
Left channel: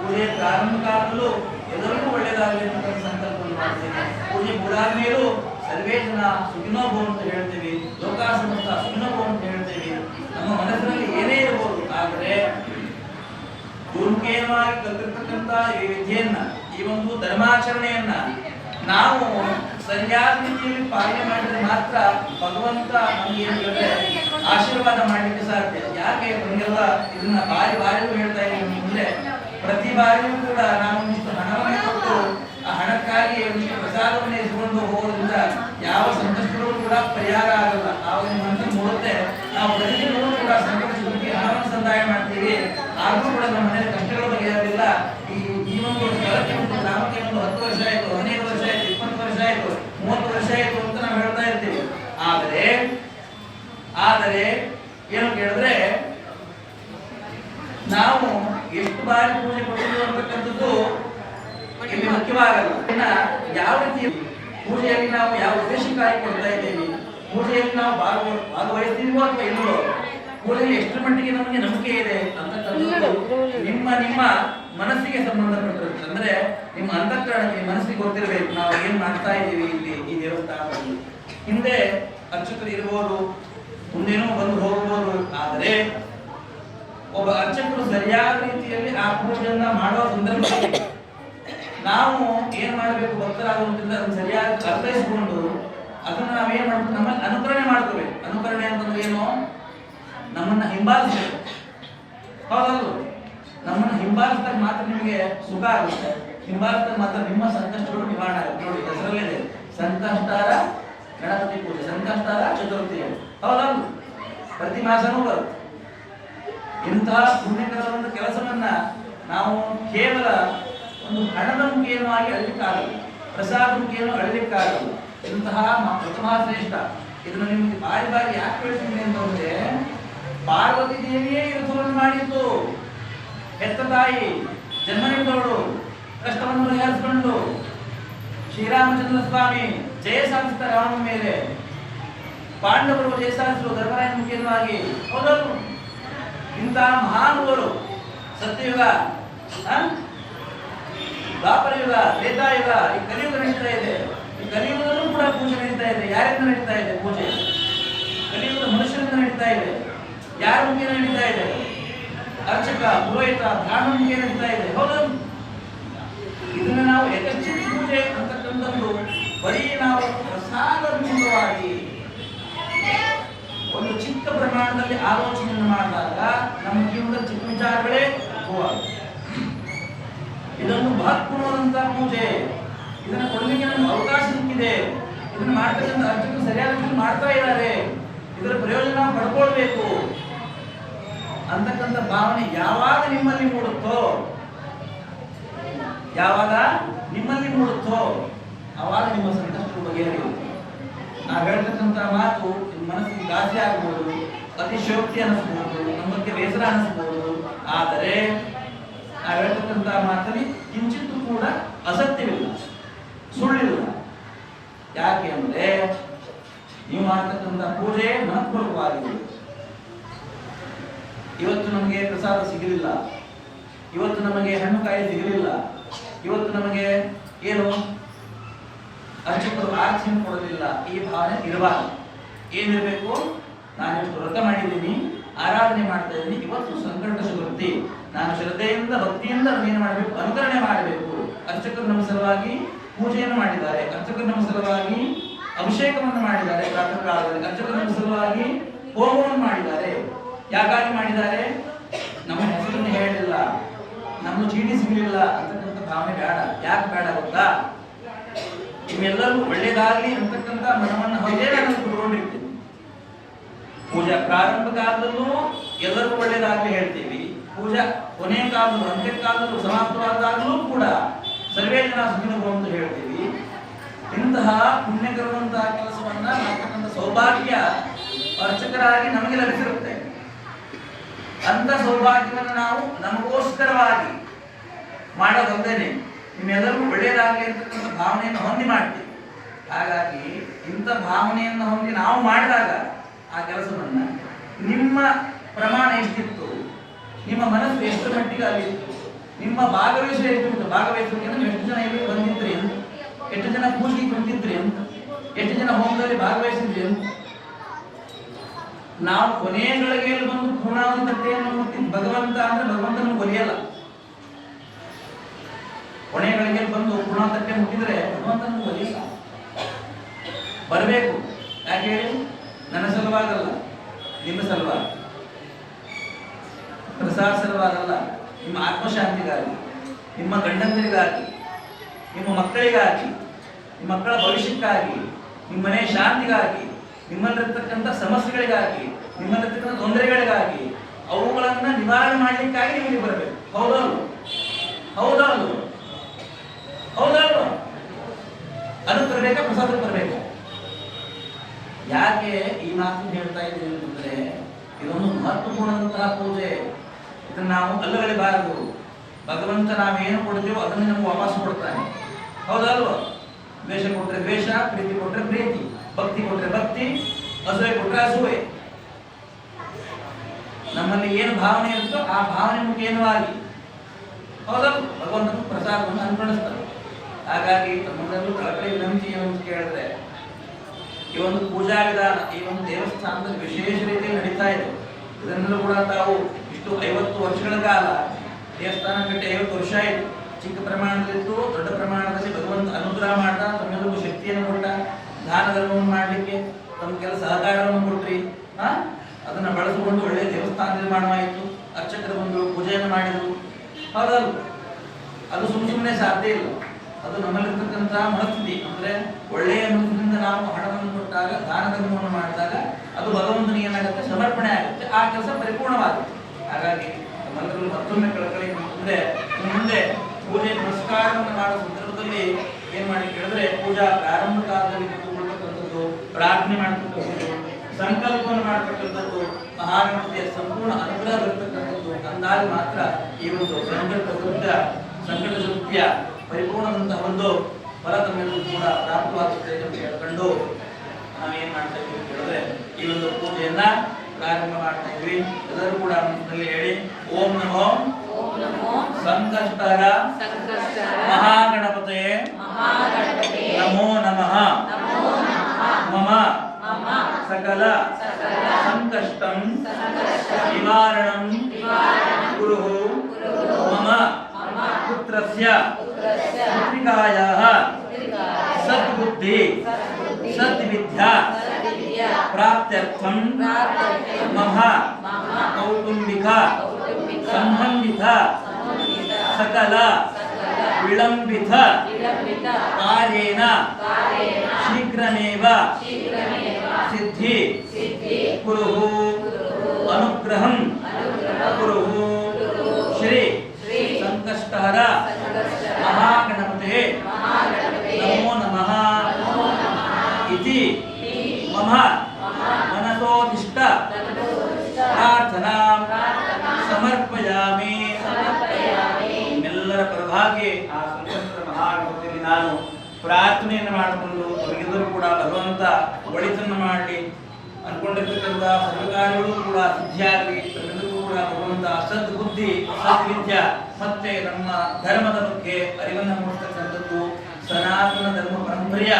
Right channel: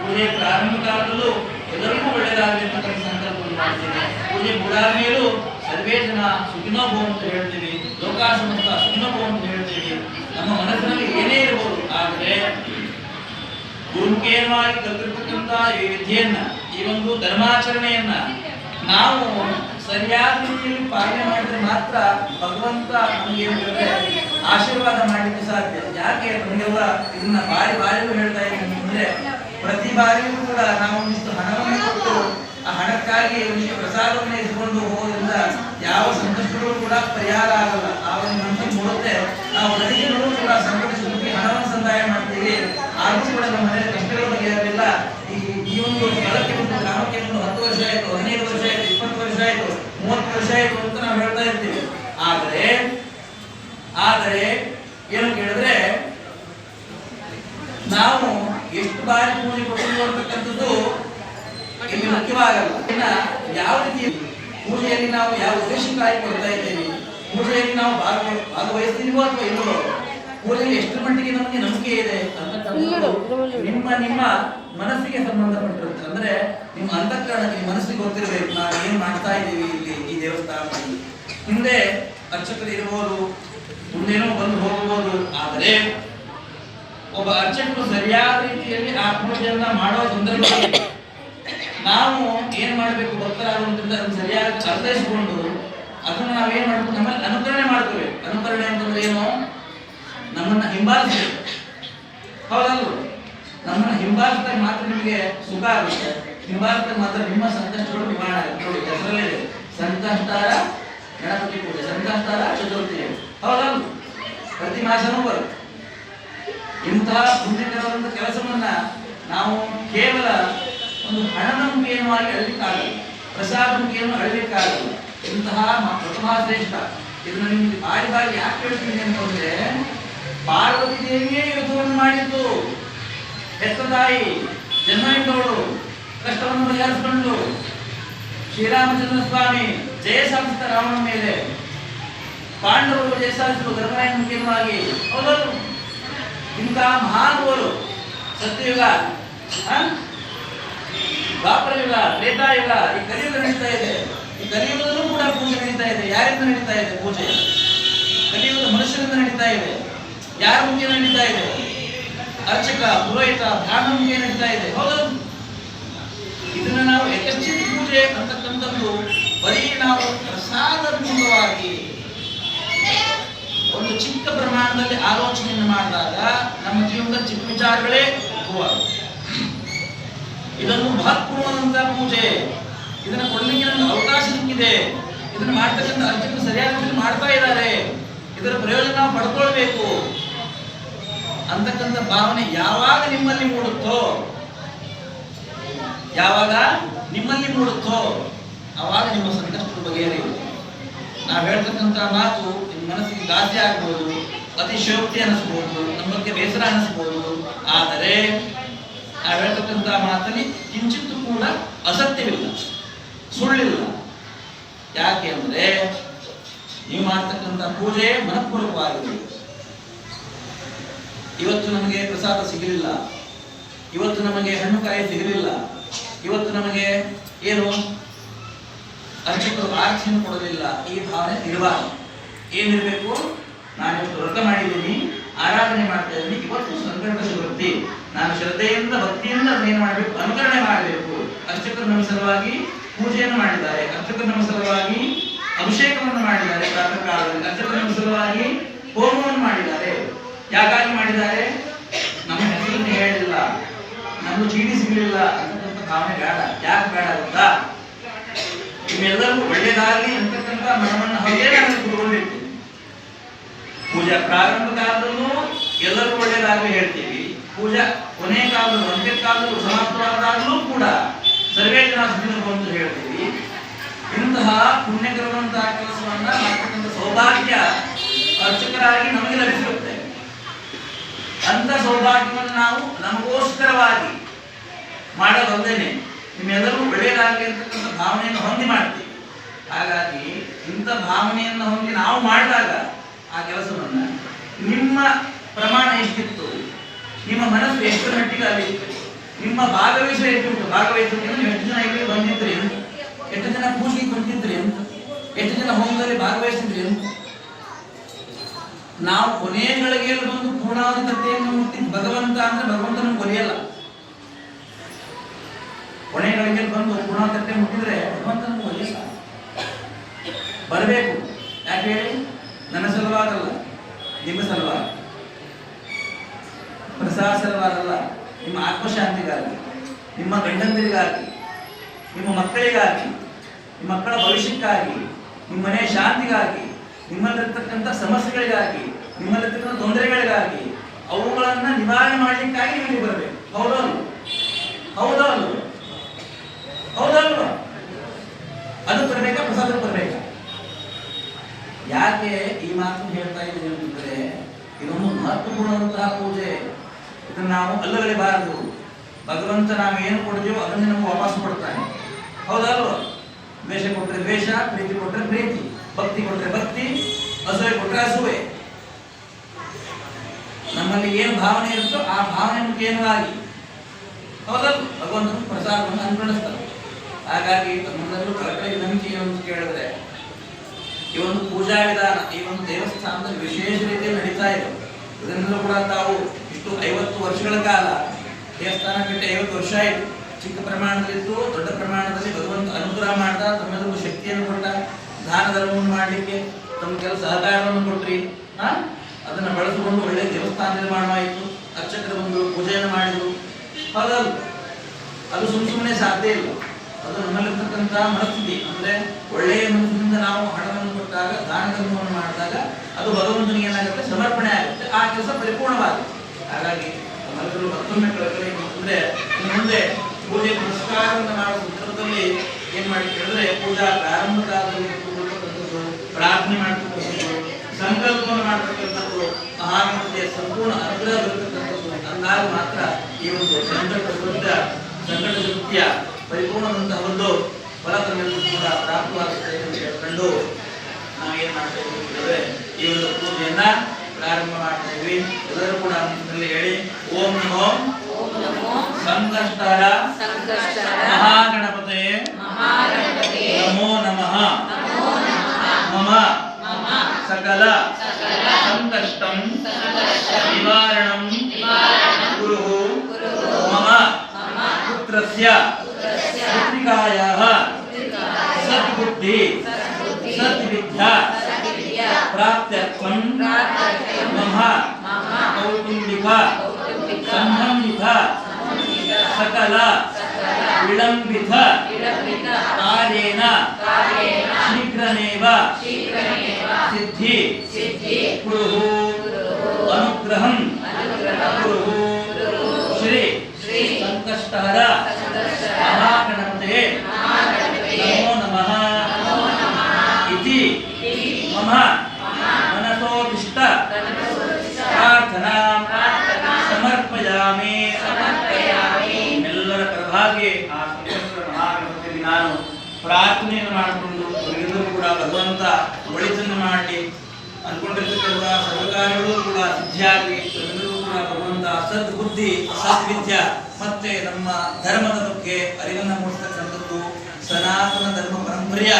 ಪೂಜೆ ಪ್ರಾರಂಭ ಕಾಲದಲ್ಲೂ ಎಲ್ಲರಿಗೂ ಒಳ್ಳೆಯದಾಗಲಿ ಅಂತಕ್ಕಂಥ ಸಂಕಲ್ಪವನ್ನು ಮಾಡ್ತೀವಿ. ಪೂಜೆ ಮುಗಿದಾದ ಮೇಲೂ ಸರ್ವೇ ಜನ ಸುಖಿನೋ ಭವ ಅಂತ ಹೇಳ್ತೀವಿ, ಲೋಕ ಸಮಸ್ತ ಸುಖಿನೋ ಭವ ಅಂತ ಹೇಳ್ತೀವಿ. ನಮ್ಮ ಮನಸ್ಸಿನಲ್ಲಿ ಏನೇ ಇರಬಹುದು, ಆದರೆ ಗುರುಮುಖೇನವಾಗಿ ಕಲಿತಿರ್ತಕ್ಕಂಥ ಈ ವಿದ್ಯೆಯನ್ನ, ಈ ಒಂದು ಧರ್ಮಾಚರಣೆಯನ್ನ ನಾವು ಸರಿಯಾದ ರೀತಿಯಲ್ಲಿ ಪಾಲನೆ ಮಾಡಿದ್ರೆ ಮಾತ್ರ ಭಗವಂತ ನಮಗೆ ಏನು ಹೇಳಿದ್ರೆ ಆಶೀರ್ವಾದ ಮಾಡಲಿಕ್ಕೆ ಸಾಧ್ಯ. ಯಾಕೆ ನಮಗೆಲ್ಲ ಇದನ್ನ ಬಾರಿ ಬಾರಿಗೂ ಹೇಳ್ತಾ ಇದ್ದೀನಿ ಅಂದ್ರೆ, ಪ್ರತಿ ಬಾರಿಯೂ ಕೂಡ ನಾವು ಒಂದಿಷ್ಟು ಹಣವನ್ನು ಕೊಟ್ಟು ಆ ಹಣಕ್ಕಾಗಿ ಒಂದಿಷ್ಟು ಪ್ರಸಾದವನ್ನು ಇಟ್ಕೊಂಡು ಹೋಗೋದ್ರಿಂದ ಯಾವ ಸಂಕಷ್ಟಗಳು ಕೂಡ ಪರಿಹಾರ ಆಗಲ್ಲ. ಆ ಒಂದು ಮನಸ್ಸನ್ನು ಮೂಡುತ್ತೆ. ನಾವು ಪ್ರತಿದಿನವೂ ಕೂಡ ಸಂಕಷ್ಟಕ್ಕೆ ಹಣವನ್ನು ಸಂದಾಯ ಮಾಡ್ತೀವಿ, ಆದರೂ ಕೂಡ ನಮ್ಮ ಮನೆಯಲ್ಲಿ ಕಷ್ಟಗಳು ಬಗೆಹರಿಲ್ಲ. ಈ ಒಂದು ಸ್ಥಳಕ್ಕೆ ಒಂದು ಗ್ರಾಮಕ್ಕೆ ಒಂದು 10 ವರ್ಷ ಆಯಿತು, 15 ವರ್ಷ ಆಯಿತು, 20 ವರ್ಷ ಆಯಿತು, 30 ವರ್ಷ ಆಯಿತು ಅಂತ ನಾವು ಹೇಳ್ತಾ ಇರ್ತೀವಿ. ಆದರೆ ಏನು ಕೇಳಿದ್ರೆ ನಾವು ಎಷ್ಟು ಬಾರಿ ಪೂಜೆ ಕೊಟ್ಟಿದ್ದೀವಿ ಅಂತಕ್ಕಂಥದ್ದು ಇಲ್ಲಿ ಮುಖ್ಯವಾಗಲ್ಲ. ಇನ್ನ ಯಾವ ರೀತಿ ಪೂಜೆಯಲ್ಲಿ ನಾವು ಯಾವ ಉದ್ದೇಶಕ್ಕಾಗಿ ಕೊಡ್ತಾ ಇದ್ದೇವೆ, ಪೂಜೆಯಲ್ಲಿ ನಾವು ಭಾಗವಹಿಸ್ತೀವೋ ಅಥವಾ ಇಲ್ಲವೋ, ಪೂಜೆಯಲ್ಲಿ ಎಷ್ಟು ಮಟ್ಟಿಗೆ ನಮಗೆ ನಂಬಿಕೆ ಇದೆ ಅಂತಕ್ಕಂಥದ್ದು ನಿಮ್ಮ ಮನಸ್ಸಿಗೆ ಸಂಬಂಧಪಟ್ಟಿರುತ್ತೆ. ಅಂದ್ರೆ ನಿಮ್ಮ ಅಂತಃಕರಣ, ನಿಮ್ಮ ಮನಸ್ಸಿಗೆ ಗೊತ್ತಿರಬೇಕು ನಾವು ಏನು ಮಾಡ್ತಾ ಇದ್ದೀವಿ ಇಲ್ಲಿ ಈ ದೇವಸ್ಥಾನದಲ್ಲಿ. ಹಿಂದೆ ಅರ್ಚಕರು ಇರ್ಬೋದು, ಮುಂದೇನೋ ಬಂದು ಹೋಗಬಹುದು, ಆದರೆ ಒಬ್ಬ ಅರ್ಚಕರು ಸರಿಯಾದ ರೀತಿಯಲ್ಲಿ ಆ ಪೂಜೆಯನ್ನ ಮಾಡೋ ಸಂದರ್ಭದಲ್ಲಿ ನಾವು ಏನ್ ಮಾಡಬೇಕು, ಭಕ್ತರಾಗುವಂತಿಂದ ಅದನ್ನು ಸರಿಯಾಗಿ ಅರ್ಥೈಸಿಕೊಂಡು ಅದನ್ನು ನಾವೇನ್ ಮಾಡ್ಬೇಕು, ನಮ್ಮಲ್ಲಿ ಅನುಕರಣೆ ಮಾಡ್ಕೋಬೇಕು. ಅನುಕರಣೆ ಅಂತಂದ್ರೆ ಏನು, ನಮ್ಮನ್ನ ಹಿಂಬಾಲಿಸಬೇಕು. ಹೌದಲ್ಲ, ನಮ್ಮನ್ನ ಹಿಂಬಾಲಿಸಿದಾಗ ಮಾತ್ರ ನಿಮಗೆ ಸುಖ ಆಗುತ್ತೆ, ಹಿಂಬಾಲಿಸಿದಾಗ ಮಾತ್ರ ನಿಮ್ಮ ಸಂಕಷ್ಟಗಳು ನಿವಾರಣೆ ಆಗುತ್ತೆ. ನೋಡಿ, ಹೆಸರಲ್ಲಿದೆ ಸಂಕಷ್ಟರ ಗಣಪತಿ ಪೂಜೆ, ಸಂಕಷ್ಟರ ಚತುರ್ಥಿ. ಹೌದಲ್ಲ, ಪ್ರತಿ ಮಾಸನೂ ಬರುತ್ತೆ. ಇಂತಹ ಪುಣ್ಯಕರ ಒಂದು ಕೆಲಸವನ್ನ ನಾವು ಕೇವಲ ಒಂದು ಹಣದ ಮುಖೇನವಾಗಿ ಅಳಿಲಿಕ್ಕಾಗಲ್ಲ, ಪ್ರಸಾದ ಮುಖೇನು ಅಳಿಲಿಕ್ಕಾಗಲ್ಲ. ಇಂತಹ ಪ್ರಥಮ ಶ್ರೇಷ್ಠ. ಇದನ್ನು ನಿಮ್ಗೆ ಬಾರಿ ಬಾರಿ ಯಾಕೆ ಹೇಳ್ತೀನಿ ಅಂತಂದ್ರೆ, ಪಾರ್ವತಿ ದೇವಿಯೇ ಯುದ್ಧವನ್ನು ಮಾಡಿದ್ದು. ಹೆತ್ತ ತಾಯಿ ಜನ್ಮನಿದ್ದವಳು, ಕಷ್ಟವನ್ನು ಪರಿಹರಿಸಿಕೊಂಡು ಶ್ರೀರಾಮಚಂದ್ರ ಸ್ವಾಮಿ ಜಯ ಸಾಧಿಸಿದ ರಾಮನ ಮೇಲೆ, ಪಾಂಡವರು ಜಯ ಸಾಧಿಸುವ ಧರ್ಮರಾಯನ ಮುಖೇನವಾಗಿ. ಹೌದಲ್ಲ, ಇಂತಹ ಮಹಾನುವರು ಸತ್ಯಯುಗ, ದ್ವಾಪರಯುಗ, ತ್ರೇತಾಯುಗ, ಈ ಕಲಿಯುಗ ನಡೀತಾ ಇದೆ. ಈ ಕಲಿಯುಗದಲ್ಲೂ ಕೂಡ ಪೂಜೆ ನಡೀತಾ ಇದೆ. ಯಾರಿಂದ ನಡೀತಾ ಇದೆ ಪೂಜೆ? ಕಲಿಯುಗದ ಮನುಷ್ಯರಿಂದ ನಡೀತಾ ಇದೆ. ಯಾರ ಮುಖೇ ನಡೀತಾ ಇದೆ? ಅರ್ಚಕ, ಪುರೋಹಿತ, ಬ್ರಾಹ್ಮಣ ಮುಖೇ ನಡೀತಾ ಇದೆ. ಹೌದು, ಇದನ್ನ ನಾವು ಯಥಶ್ಚಿತ್ ಪೂಜೆ ಅಂತಕ್ಕಂಥದ್ದು ಬರೀ ನಾವು ಪ್ರಸಾದಮೂಲವಾಗಿ ಒಂದು ಚಿಕ್ಕ ಪ್ರಮಾಣದಲ್ಲಿ ಆಲೋಚನೆಯನ್ನು ಮಾಡಿದಾಗ ನಮ್ಮ ಜೀವನದ ಚಿಕ್ಕ ವಿಚಾರಗಳೇ ಇದನ್ನು ಮಹತ್ವವಾದಂತ ಪೂಜೆ. ಇದನ್ನು ಕೊಡಲಿಕ್ಕೆ ನಮಗೆ ಅವಕಾಶ ಸಿಕ್ಕಿದೆ. ಇದನ್ನು ಮಾಡ್ತಕ್ಕಂಥ ಅರ್ಚಕರು ಸರಿಯಾದ ರೀತಿಯಲ್ಲಿ ಮಾಡ್ತಾ ಇದ್ದಾರೆ. ಇದರ ಪ್ರಯೋಜನ ನಾವು ಪಡ್ಕೊಳ್ಬೇಕು ಅಂತಕ್ಕಂಥ ಭಾವನೆ ಯಾವಾಗ ನಿಮ್ಮಲ್ಲಿ ಮೂಡುತ್ತೋ, ಆವಾಗ ನಿಮ್ಮ ಸಂಕಷ್ಟಗಳು ಬಗೆಹರಿಯುತ್ತೆ. ನಾವು ಹೇಳ್ತಕ್ಕಂಥ ಮಾತು ನಿಮ್ಮ ಮನಸ್ಸಿಗೆ ಗಾಸಿ ಆಗ್ಬೋದು, ಅತಿಶಯೋಕ್ತಿ ಅನಿಸ್ಬೋದು, ನಮ್ಮ ಬಗ್ಗೆ ಬೇಸರ ಅನಿಸ್ಬೋದು. ಆದರೆ ನಾವು ಹೇಳ್ತಕ್ಕಂಥ ಮಾತಲ್ಲಿ ಕಿಂಚಿತ್ತೂ ಕೂಡ ಅಸತ್ಯವಿಲ್ಲ, ಸುಳ್ಳಿಲ್ಲ. ಯಾಕೆ ಅಂದರೆ ನೀವು ಮಾಡ್ತಕ್ಕಂಥ ಪೂಜೆ ಮನಪೂರ್ವಕವಾಗಿದೆ. ಇವತ್ತು ನಮಗೆ ಪ್ರಸಾದ ಸಿಗಲಿಲ್ಲ, ಇವತ್ತು ನಮಗೆ ಹಣ್ಣುಕಾಯಿ ಸಿಗಲಿಲ್ಲ, ಇವತ್ತು ನಮಗೆ ಏನು ಅರ್ಚಕರು ಆರ್ತಿಯನ್ನು ಕೊಡಲಿಲ್ಲ, ಈ ಭಾವನೆ ಇರಬಾರದು. ಏನಿರಬೇಕು? ನಾನು ಇವತ್ತು ವ್ರತ ಮಾಡಿದ್ದೀನಿ, ಆರಾಧನೆ ಮಾಡ್ತಾ ಇದ್ದೀನಿ, ಇವತ್ತು ಸಂಕಟ ಚತುರ್ಥಿ, ನಾನು ಶ್ರದ್ಧೆಯಿಂದ ಭಕ್ತಿಯಿಂದ ಅದನ್ನೇನು ಮಾಡಬೇಕು? ಅನುಕರಣೆ ಮಾಡಬೇಕು. ಅರ್ಚಕರು ನಮ್ಮ ಸಲುವಾಗಿ ಪೂಜೆಯನ್ನು ಮಾಡಿದ್ದಾರೆ, ಅರ್ಚಕರು ನಮ್ಮ ಸಲುವಾಗಿ ಅಭಿಷೇಕವನ್ನು ಮಾಡಿದ್ದಾರೆ, ಪ್ರಾತಃ ಕಾಲದಲ್ಲಿ ಅರ್ಚಕರು ನಮ್ಮ ಸಲುವಾಗಿ ಹೋಮವನ್ನು ಮಾಡಿದ್ದಾರೆ. ಯಾಕಾಗಿ ಮಾಡಿದ್ದಾರೆ? ನಮ್ಮ ಹೆಸರನ್ನು ಹೇಳಿಲ್ಲ, ನಮ್ಮ ಚೀಟಿ ಸಿಗಲಿಲ್ಲ ಅಂತಕ್ಕಂಥ ಭಾವನೆ ಬೇಡ. ಯಾಕೆ ಬೇಡ ಗೊತ್ತಾ? ನಿಮ್ಮೆಲ್ಲರೂ ಒಳ್ಳೆಯದಾಗಲಿ ಅಂತಕ್ಕಂಥ ಮನವನ್ನು ಹೊರಗೆ ನಾನು ಕೂತ್ಕೊಂಡಿರ್ತೀವಿ. ಪೂಜಾ ಪ್ರಾರಂಭ ಕಾಲದಲ್ಲೂ ಎಲ್ಲರೂ ಒಳ್ಳೆಯದಾಗಲಿ ಹೇಳ್ತೀವಿ, ಪೂಜಾ ಕೊನೆ ಕಾಲದಲ್ಲೂ ಅಂತ್ಯ ಕಾಲದಲ್ಲೂ ಸಮಾಪ್ತವಾದಾಗಲೂ ಕೂಡ ಸರ್ವೇ ಜನ ಸುಖಿನೋ ಅಂತ ಹೇಳ್ತೀವಿ. ಇಂತಹ ಪುಣ್ಯಕರವಂತಹ ಕೆಲಸವನ್ನ ಮಾಡ್ತಕ್ಕಂಥ ಸೌಭಾಗ್ಯ ಅರ್ಚಕರಾಗಿ ನಮಗೆ ಲಭಿಸಿರುತ್ತೆ. ಅಂತ ಸೌಭಾಗ್ಯವನ್ನು ನಾವು ನಮಗೋಸ್ಕರವಾಗಿ ಮಾಡೋದೊಂದೇನೆ ನಿಮ್ಮೆಲ್ಲರೂ ಒಳ್ಳೆಯದಾಗಲಿ ಅಂತಕ್ಕಂಥ ಭಾವನೆಯನ್ನು ಹೊಂದಿ ಮಾಡ್ತೀವಿ. ಹಾಗಾಗಿ ಇಂಥ ಭಾವನೆಯನ್ನು ಹೊಂದಿ ನಾವು ಮಾಡಿದಾಗ ಆ ಕೆಲಸವನ್ನ ನಿಮ್ಮ ಪ್ರಮಾಣ ಎಷ್ಟಿತ್ತು, ನಿಮ್ಮ ಮನಸ್ಸು ಎಷ್ಟು ಮಟ್ಟಿಗೆ ಅಲ್ಲಿತ್ತು, ನಿಮ್ಮ ಭಾಗವಹಿಸ ಎಷ್ಟುಂಟು, ಭಾಗವಹಿಸೋದ್ರಿಂದ ನೀವು ಎಷ್ಟು ಜನ ಇಲ್ಲಿ ಬಂದಿದ್ರಿ ಅಂತ, ಎಷ್ಟು ಜನ ಪೂಜೆಗೆ ಕುಂತಿದ್ರಿ ಅಂತ, ಎಷ್ಟು ಜನ ಹೋಮದಲ್ಲಿ ಭಾಗವಹಿಸಿದ್ರಿ ಅಂತ. ನಾವು ಕೊನೆಯ ಗಳಿಗೆಯಲ್ಲಿ ಬಂದು ಪೂರ್ಣಾಧಿಕತೆಯನ್ನು ಮುಟ್ಟಿದ ಭಗವಂತ ಅಂದ್ರೆ ಭಗವಂತನ ಕೊನೆಯಲ್ಲ. ಕೊನೆಯ ಗಳಿಗೆಯಲ್ಲಿ ಬಂದು ಪೂರ್ಣಾಧಿಕತೆ ಮುಟ್ಟಿದ್ರೆ ಭಗವಂತನ ಕೊನೆಯಲ್ಲ. ಬರಬೇಕು. ಯಾಕೆ ಹೇಳಿ? ನನ್ನ ಸಲುವಾಗಲ್ಲ, ನಿಮ್ಮ ಸಲುವಾಗಿ, ಪ್ರಸಾದ ಸಲುವಾಗಲ್ಲ, ನಿಮ್ಮ ಆತ್ಮಶಾಂತಿಗಾಗಿ, ನಿಮ್ಮ ಗಂಡಂದಿರಿಗಾಗಿ, ನಿಮ್ಮ ಮಕ್ಕಳಿಗಾಗಿ, ನಿಮ್ಮ ಮಕ್ಕಳ ಭವಿಷ್ಯಕ್ಕಾಗಿ, ನಿಮ್ಮ ಮನೆಯ ಶಾಂತಿಗಾಗಿ, ನಿಮ್ಮಲ್ಲಿರ್ತಕ್ಕಂಥ ಸಮಸ್ಯೆಗಳಿಗಾಗಿ, ನಿಮ್ಮಲ್ಲಿರ್ತಕ್ಕಂಥ ತೊಂದರೆಗಳಿಗಾಗಿ, ಅವುಗಳನ್ನ ನಿವಾರಣೆ ಮಾಡಲಿಕ್ಕಾಗಿ ನಿಮಗೆ ಬರಬೇಕು. ಹೌದಲ್ವ? ಹೌದಲ್ವ? ಹೌದಲ್ವ? ಅದು ಬರಬೇಕಾ? ಪ್ರಸಾದ ಬರಬೇಕಾ? ಯಾಕೆ ಈ ಮಾತನ್ನು ಹೇಳ್ತಾ ಇದ್ದೀನಿ ಅಂತಂದ್ರೆ, ಇದೊಂದು ಮಹತ್ವಪೂರ್ಣವಾದಂತಹ ಪೂಜೆ. ಇದನ್ನು ನಾವು ಅಲ್ಲಗಳೆಬಾರದು. ಭಗವಂತ ನಾವೇನು ಕೊಡ್ತೀವೋ ಅದನ್ನೇ ನಮ್ಗೆ ವಾಪಸ್ ಕೊಡ್ತಾನೆ. ಹೌದಲ್ವ? ದ್ವೇಷ ಕೊಟ್ರೆ ದ್ವೇಷ, ಪ್ರೀತಿ ಕೊಟ್ರೆ ಪ್ರೀತಿ, ಭಕ್ತಿ ಕೊಟ್ರೆ ಭಕ್ತಿ, ಅಸೂಯೆ ಕೊಟ್ರೆ ಅಸೂಯೆ. ನಮ್ಮಲ್ಲಿ ಏನು ಭಾವನೆ ಇರುತ್ತೋ ಆ ಭಾವನೆ ಮುಖೇನವಾಗಿ ಹೌದಲ್ವ ಭಗವಂತನ ಪ್ರಸಾದವನ್ನು ಅನುಗ್ರಹಿಸ್ತಾರೆ. ಹಾಗಾಗಿ ತಮ್ಮಲ್ಲೂ ಕಳಕಳಿ ವಿನಂತಿ ಅಂತ ಕೇಳಿದ್ರೆ, ಈ ಒಂದು ಪೂಜಾ ವಿಧಾನ ಈ ಒಂದು ದೇವಸ್ಥಾನದಲ್ಲಿ ವಿಶೇಷ ರೀತಿಯಲ್ಲಿ ನಡೀತಾ ಇದೆ. ಇದನ್ನೆಲ್ಲ ಕೂಡ ತಾವು ಇಷ್ಟು 50 ವರ್ಷಗಳ ಕಾಲ ದೇವಸ್ಥಾನ ಕಟ್ಟಿ 50 ವರ್ಷ ಆಯಿತು. ಚಿಕ್ಕ ಪ್ರಮಾಣದಲ್ಲಿತ್ತು, ದೊಡ್ಡ ಪ್ರಮಾಣದಲ್ಲಿ ಭಗವಂತ ಅನುಗ್ರಹ ಮಾಡ್ದ, ತಮ್ಮೆಲ್ಲರಿಗೂ ಶಕ್ತಿಯನ್ನು ಕೊಟ್ಟ, ದಾನ ಧರ್ಮವನ್ನು ಮಾಡಲಿಕ್ಕೆ ತಮ್ಮ ಕೆಲಸ ಸಹಕಾರವನ್ನು ಕೊಟ್ರಿ. ಅದನ್ನು ಬಳಸಿಕೊಂಡು ಒಳ್ಳೆಯ ದೇವಸ್ಥಾನ ನಿರ್ಮಾಣವಾಯಿತು. ಅರ್ಚಕರು ಬಂದು ಪೂಜೆಯನ್ನು ಮಾಡಿದ್ರು. ಹೌದಲ್ಲ? ಅದು ಸುಮ್ಮನೆ ಸಾಧ್ಯ ಇಲ್ಲ. ಅದು ನಮ್ಮಲ್ಲಿರ್ತಕ್ಕಂಥ ಮನಸ್ಥಿತಿ. ಅಂದ್ರೆ ಒಳ್ಳೆಯ ಮನಸ್ಸಿನಿಂದ ನಾವು ಹಣವನ್ನು ಕೊಟ್ಟಾಗ, ದಾನ ಧರ್ಮವನ್ನು ಮಾಡಿದಾಗ ಅದು ಭಗವಂತನಿಗೆ ಏನಾಗುತ್ತೆ? ಸಮರ್ಪಣೆ ಆಗುತ್ತೆ. ಆ ಕೆಲಸ ಪರಿಪೂರ್ಣವಾಗುತ್ತೆ. ಹಾಗಾಗಿ ನಮ್ಮಲ್ಲರೂ ಮತ್ತೊಮ್ಮೆ ಕಳಕಳಿ ಮುಂದೆ ಪೂಜೆ ಪುರಸ್ಕಾರವನ್ನು ಮಾಡುವ ಸಂದರ್ಭದಲ್ಲಿ ಏನ್ ಮಾಡಿ ಕೇಳಿದ್ರೆ, ಪೂಜಾ ಪ್ರಾರಂಭ ಕಾಲದಲ್ಲಿ ಕೂತ್ಕೊಳ್ತಕ್ಕಂಥದ್ದು, ಪ್ರಾರ್ಥನೆ ಮಾಡ್ತಕ್ಕಂಥದ್ದು, ಸಂಕಲ್ಪವನ್ನು ಮಾಡ್ತಕ್ಕಂಥದ್ದು, ಮಹಾಗಣಪತಿಯ ಸಂಪೂರ್ಣ ಅನುಗ್ರಹ ಬರತಕ್ಕಂಥದ್ದು ಅಂದಾಗ ಮಾತ್ರ ಈ ಒಂದು ಸಂಕಟ ಚತುರ್ಥಿಯ ಪರಿಪೂರ್ಣದಂತಹ ಒಂದು ಫಲ ತಮ್ಮೆಲ್ಲರೂ ಕೂಡ ಪ್ರಾಪ್ತವಾಗುತ್ತೆ ಅಂತ ಹೇಳ್ಕೊಂಡು ನಾವು ಏನ್ ಮಾಡ್ತಾ ಇದ್ದೀವಿ ಹೇಳಿದ್ರೆ, ಈ ಒಂದು ಪೂಜೆಯನ್ನ ಪ್ರಾರಂಭ ಮಾಡ್ತಾ ಇದ್ವಿ. ಎಲ್ಲರೂ ಕೂಡ ಮುಂದಲ್ಲಿ ಹೇಳಿ, ಓಂ ನಮೋ ಸಂಕಷ್ಟಹರ ಮಹಾಗಣಪತೆ ನಮೋ ನಮಃ ಮಮ ಸಕಲ ಸಂಕಷ್ಟಂ ನಿವಾರಣಂ ಕುರು ಮಮ ಪುತ್ರಸ್ಯ ಪುತ್ರಿಕಾಯಾಃ ಸದ್ಬುದ್ಧಿ ಸದ್ವಿದ್ಯಾ ಪ್ರಾಪ್ತ್ಯರ್ಥಂ ಮಮ ಕೌಟುಂಬಿಕ ಸಂಬಂಧಿತ ಸಕಲ ವಿಳಂಬಿತ ಕಾರ್ಯೇಣ ಶೀಘ್ರಮೇವ ಸಿದ್ಧಿ ಕುರು ಅನುಗ್ರಹಂ ಕುರು ಶ್ರೀ ಸಂಕಷ್ಟಹರ ಮಹಾಗಣಪತೆ ನಮೋ ನಮಃ ಇತಿ ಮಮ ಮನಸೋದಿಷ್ಟ ಪ್ರಾರ್ಥನಾ ಸಮರ್ಪಯಾಮಿ. ಎಲ್ಲರ ಪರವಾಗಿ ಆ ಸಂಕಷ್ಟ ಮಹಾಗಣಪತಿಯಲ್ಲಿ ನಾನು ಪ್ರಾರ್ಥನೆಯನ್ನು ಮಾಡಿಕೊಂಡು ಎಲ್ಲರೂ ಕೂಡ ಭಗವಂತ ಒಳಿತನ್ನು ಮಾಡಿ ಅನ್ಕೊಂಡಿರ್ತಕ್ಕಂಥ ಸರ್ವಕಾರ್ಯಗಳು ಕೂಡ ಸಿದ್ಧಿಯಾಗಲಿ, ಎಲ್ಲರೂ ಕೂಡ ಭಗವಂತ ಸದ್ಬುದ್ಧಿ ಸದ್ವಿದ್ಯೆ ಮತ್ತೆ ನಮ್ಮ ಧರ್ಮದ ಬಗ್ಗೆ ಅರಿವನ್ನು ಮೂಡಿಸ್ತಕ್ಕಂಥದ್ದು, ಸನಾತನ ಧರ್ಮ ಪರಂಪರೆಯ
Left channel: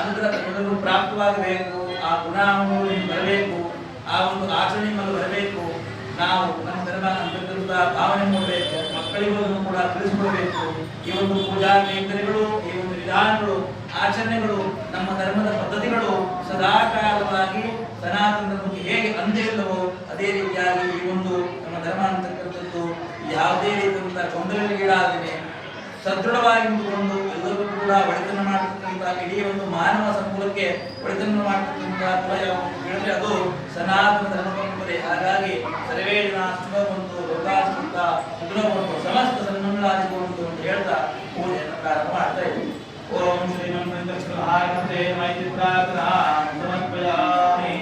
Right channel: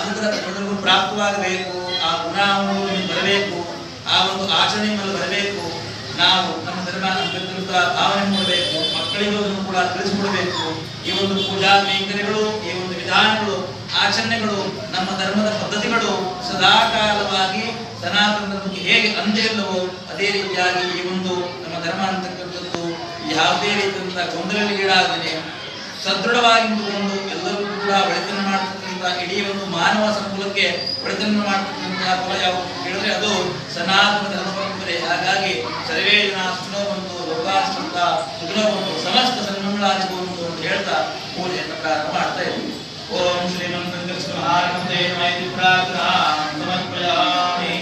ಅನುಗ್ರಹ ಮೊದಲು ಪ್ರಾಪ್ತವಾಗಬೇಕು, ಆ ಗುಣಗಳು ಬರಬೇಕು, ಆ ಒಂದು ಆಚರಣೆ ಮೇಲೆ ಬರಬೇಕು. ನಾವು ನಮ್ಮ ಧರ್ಮ ಅಂತಕ್ಕಂಥ ಭಾವನೆ ಮೂಡಬೇಕು, ಮಕ್ಕಳಿಗೂ ಅದನ್ನು ಕೂಡ ತಿಳಿಸಿಕೊಡಬೇಕು. ಈ ಒಂದು ಪೂಜಾ ಕೈಂಕರ್ಯಗಳು, ಈ ಒಂದು ವಿಧಾನಗಳು, ಆಚರಣೆಗಳು, ನಮ್ಮ ಧರ್ಮದ ಪದ್ಧತಿಗಳು ಸದಾಕಾಲವಾಗಿ ಸನಾತನ ಧರ್ಮಕ್ಕೆ ಹೇಗೆ ಅಂದಿಲ್ಲವೋ ಅದೇ ರೀತಿಯಾಗಿ ಈ ಒಂದು ನಮ್ಮ ಧರ್ಮ ಅಂತಕ್ಕಂಥದ್ದು ಯಾವುದೇ ರೀತಿಯಿಂದ ಗೊಂದಲಗೀಡಾಗದೆ ಸದೃಢವಾಗಿ ನಿಂತುಕೊಂಡು ಎಲ್ಲರೂ ಕೂಡ ಒಳಿತನ್ನು ಮಾಡತಕ್ಕಂಥ ಇಡೀ ಒಂದು ಮಾನವ ಸಂಕುಲಕ್ಕೆ ಒಳಿತನ್ನು ಮಾಡತಕ್ಕಂಥ ಫಲ ಯಾವುದು ಹೇಳಿದ್ರೆ ಅದು ಸನಾತನ ಧರ್ಮ ಪರಂಪರೆ. ಹಾಗಾಗಿ ಸರ್ವೇ ಜನ ಸುಖವಂತು ಲೋಕಾಶ್ರಂತ ಸುಖವಂತು ಸಮಸ್ತ ಸನ್ಮಂಗಳಾದಿಗುವಂತು ಅಂತ ಹೇಳ್ತಾ ಪೂಜೆಯನ್ನು ಪ್ರಾರಂಭ ಮಾಡ್ತಾ ಇದ್ದೀವಿ. ಓಂ ಶ್ರೀಮಂತ ಮಹಾಗಣಪತೆ ಮೈತ್ರಿ ಪ್ರಾರ್ಥನಾ ಸಮರ್ಪಯಾಮಿ.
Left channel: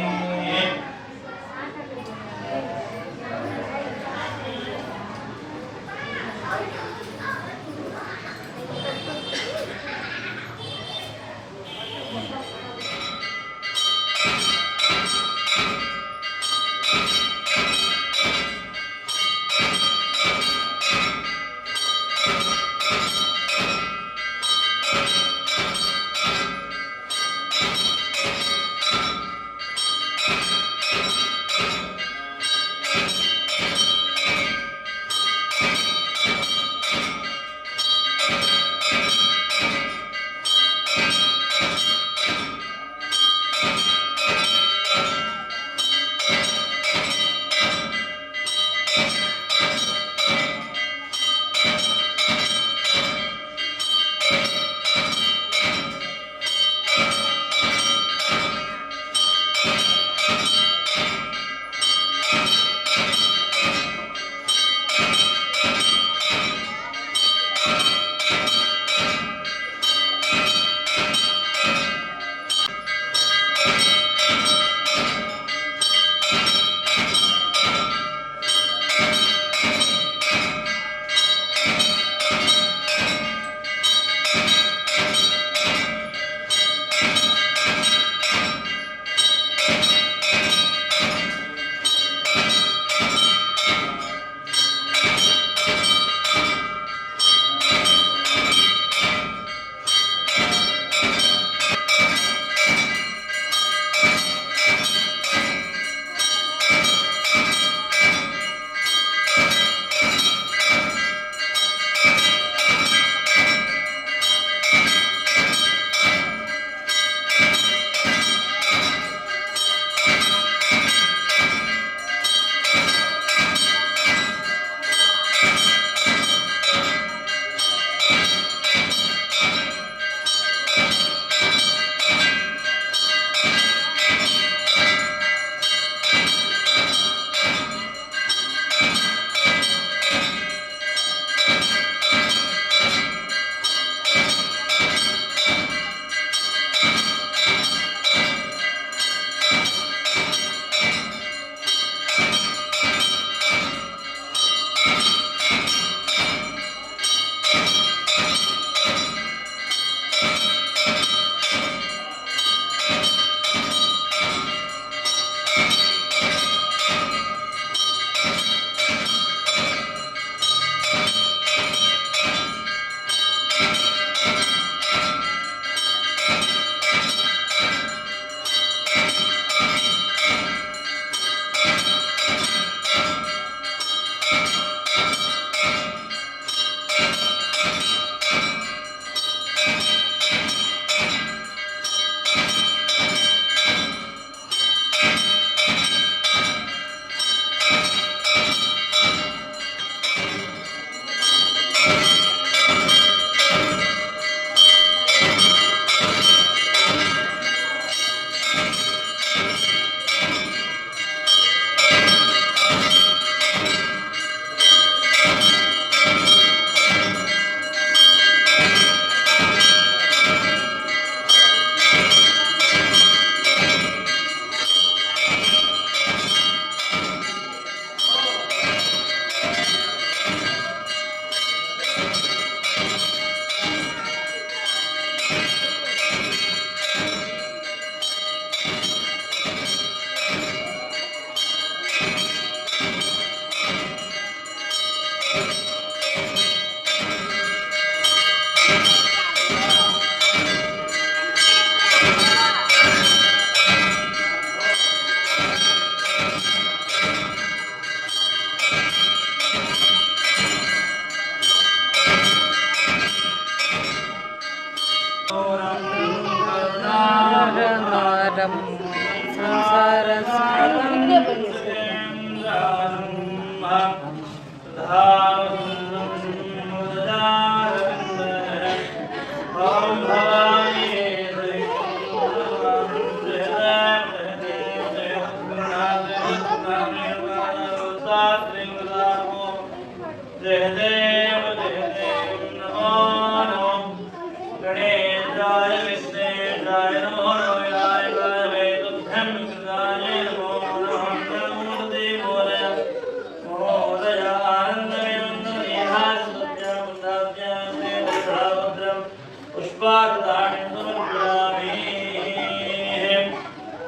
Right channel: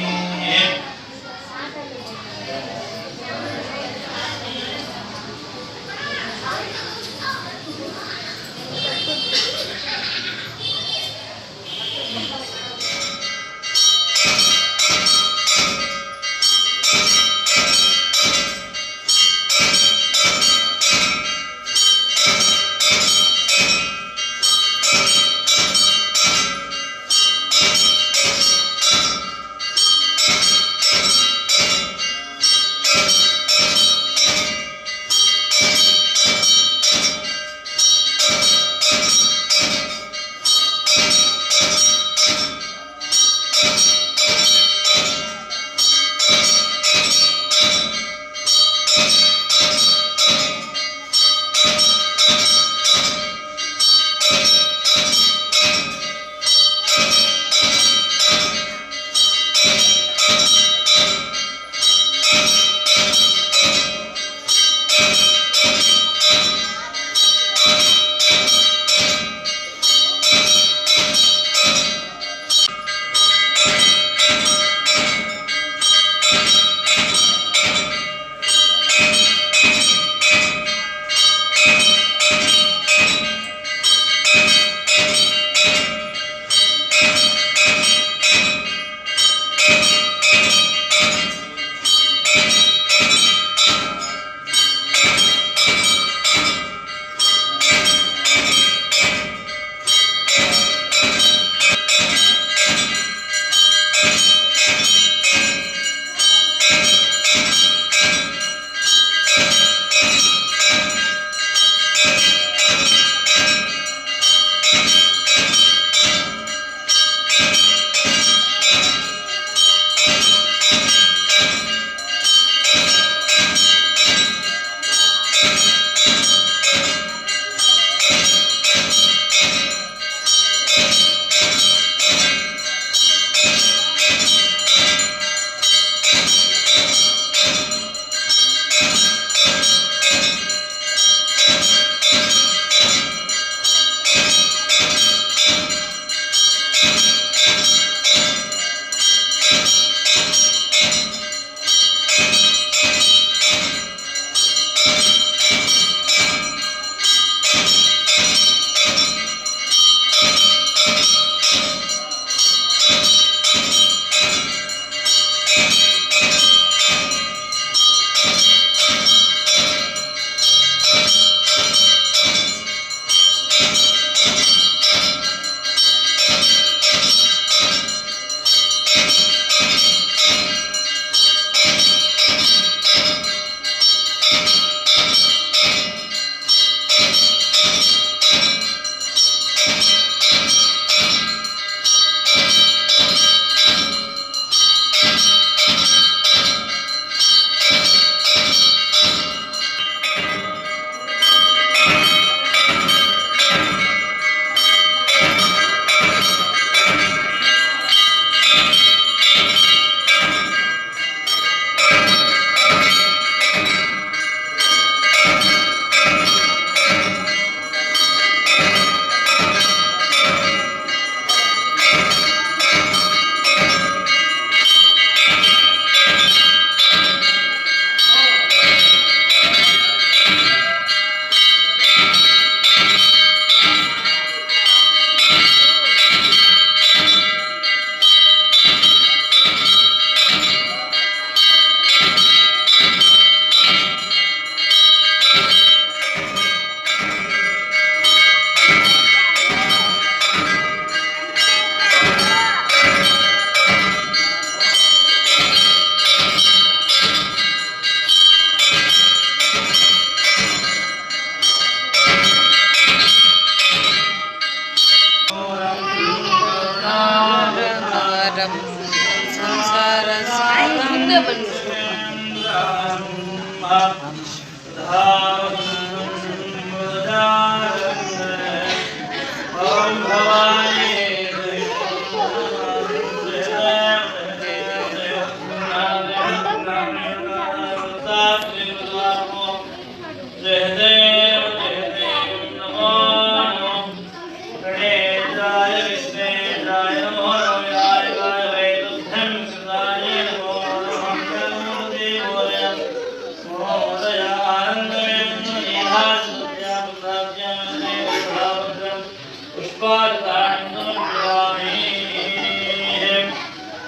पुष्पार्तानि समर्पयामि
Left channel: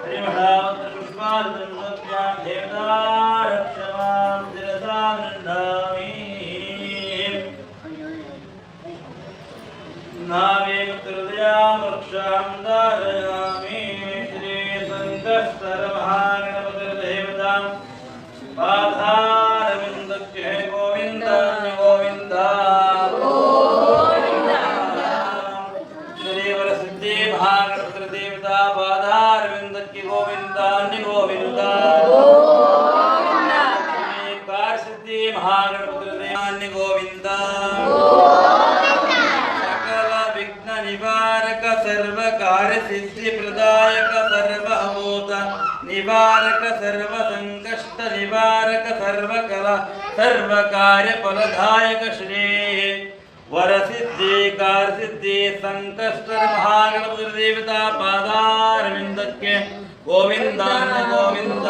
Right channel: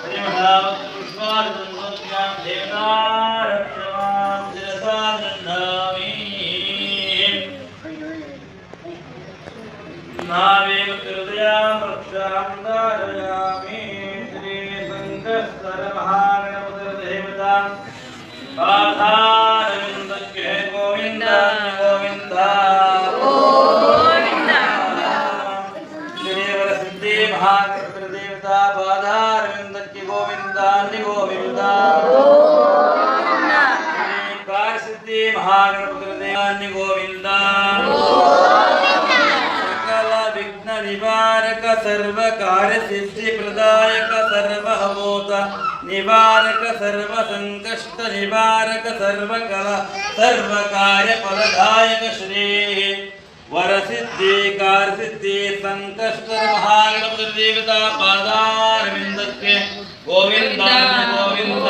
श्रीमदावत पुष्पार्तनोद्यां देवतारक्षमां शिरसा गृह्णामि नावेव हृदयां रक्षां धारयामि श्री संकष्टर महागणपतिर्देवतां पादारविन्दके गोविन्द गोविन्द श्रीवरसिद्धि महागणपतिर्देवता पादारविन्दके गोविन्दान्य गोविन्द श्रीकारसिद्धि महागणपतिर्देवान्य गोविन्द सकल विघ्न निवारक सर्व कार्य सिद्धि प्रदायक सर्वभूत निवारक सर्व संकष्ट निवारक सर्व कला सर्व कार्य फलदायक श्री वरसिद्धि कारसिद्धि संकष्ट महागणपति देवता पादारविन्दके गोविंद गोविंद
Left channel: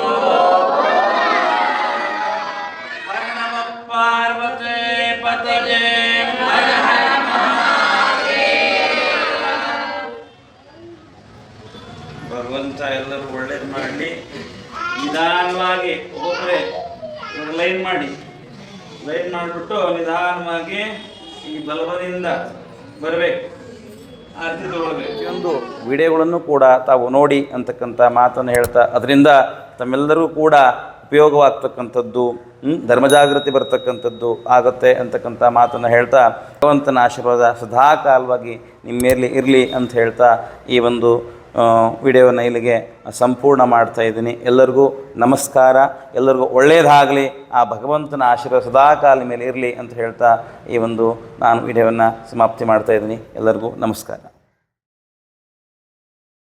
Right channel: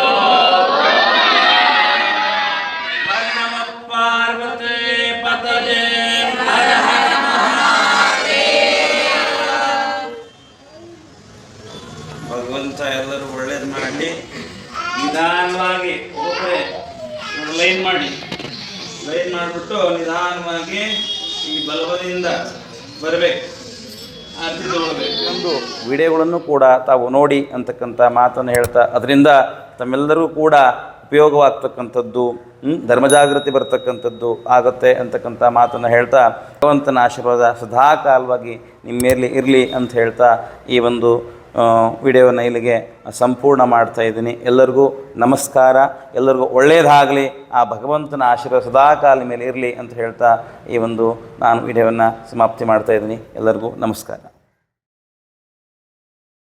नमः पार्वती पतये हर हर ಭಗವಂತ ಎಲ್ಲರೂ ಒಳ್ಳೇದು ಮಾಡಲಿ. ನಿಧಾನವಾಗಿ ಒಬ್ಬೊಬ್ಬರೇ ಲೈನ್ ಮಾಡಿಬಿಟ್ಟು ನಿಧಾನವಾಗಿ ಈ ಬಲಬದಿಯಿಂದ ಬರಬೇಕು, ಆರತಿ ತಗೊಳ್ಬೇಕು. ಪ್ರತಿಯೊಂದು ವಿಡಿಯೋಗಳನ್ನು ಕೂಡ ತಾವು ನೋಡಿ ಅಂತಕ್ಕಂಥ ಮಾತನ್ನು ಹೇಳ್ತಾ ಅದರಿಂದ ತಮ್ಮೆಲ್ಲರೂ ಕೂಡ ಉಪಯೋಗವಾಗ್ತಕ್ಕಂಥದ್ದು ಧರ್ಮಜಾಗೃತಿ ಬರ್ತಕ್ಕಂಥದ್ದು ಆಗುತ್ತೆ ಅಂತಕ್ಕಂಥ ಮಾತನ್ನು ಹೇಳ್ತಾ ಭಗವಂತನ ಆಶೀರ್ವಾದ ಸದಾಕಾಲವಾಗಿ ನಿಮ್ಮ ಮೇಲೆ ಇರಲಿ ಅಂತ ಹೇಳ್ತಾ ಈ ಒಂದು ವಿಡಿಯೋನ ಇಲ್ಲಿಗೆ ಸಂಪೂರ್ಣ ಮಾಡ್ತಾ ಇದ್ದೀನಿ. ಎಲ್ಲರಿಗೂ ನಮಸ್ಕಾರ. ಎಲ್ಲರಿಗೂ ಒಳ್ಳೆಯದಾಗಲಿ, ಆ ಭಗವಂತನ ಆಶೀರ್ವಾದ ಸದಾಕಾಲ ಮೇಲೆ ಇರಲಿ ಅಂತ ಹೇಳ್ತಾ ಈ ಒಂದು ನಾನು ವಿಡಿಯೋವನ್ನು ಸಮಾಪ್ತಿ ಮಾಡ್ತಾ ಇದ್ದೀನಿ. ಎಲ್ಲರಿಗೂ ನಮಸ್ಕಾರ.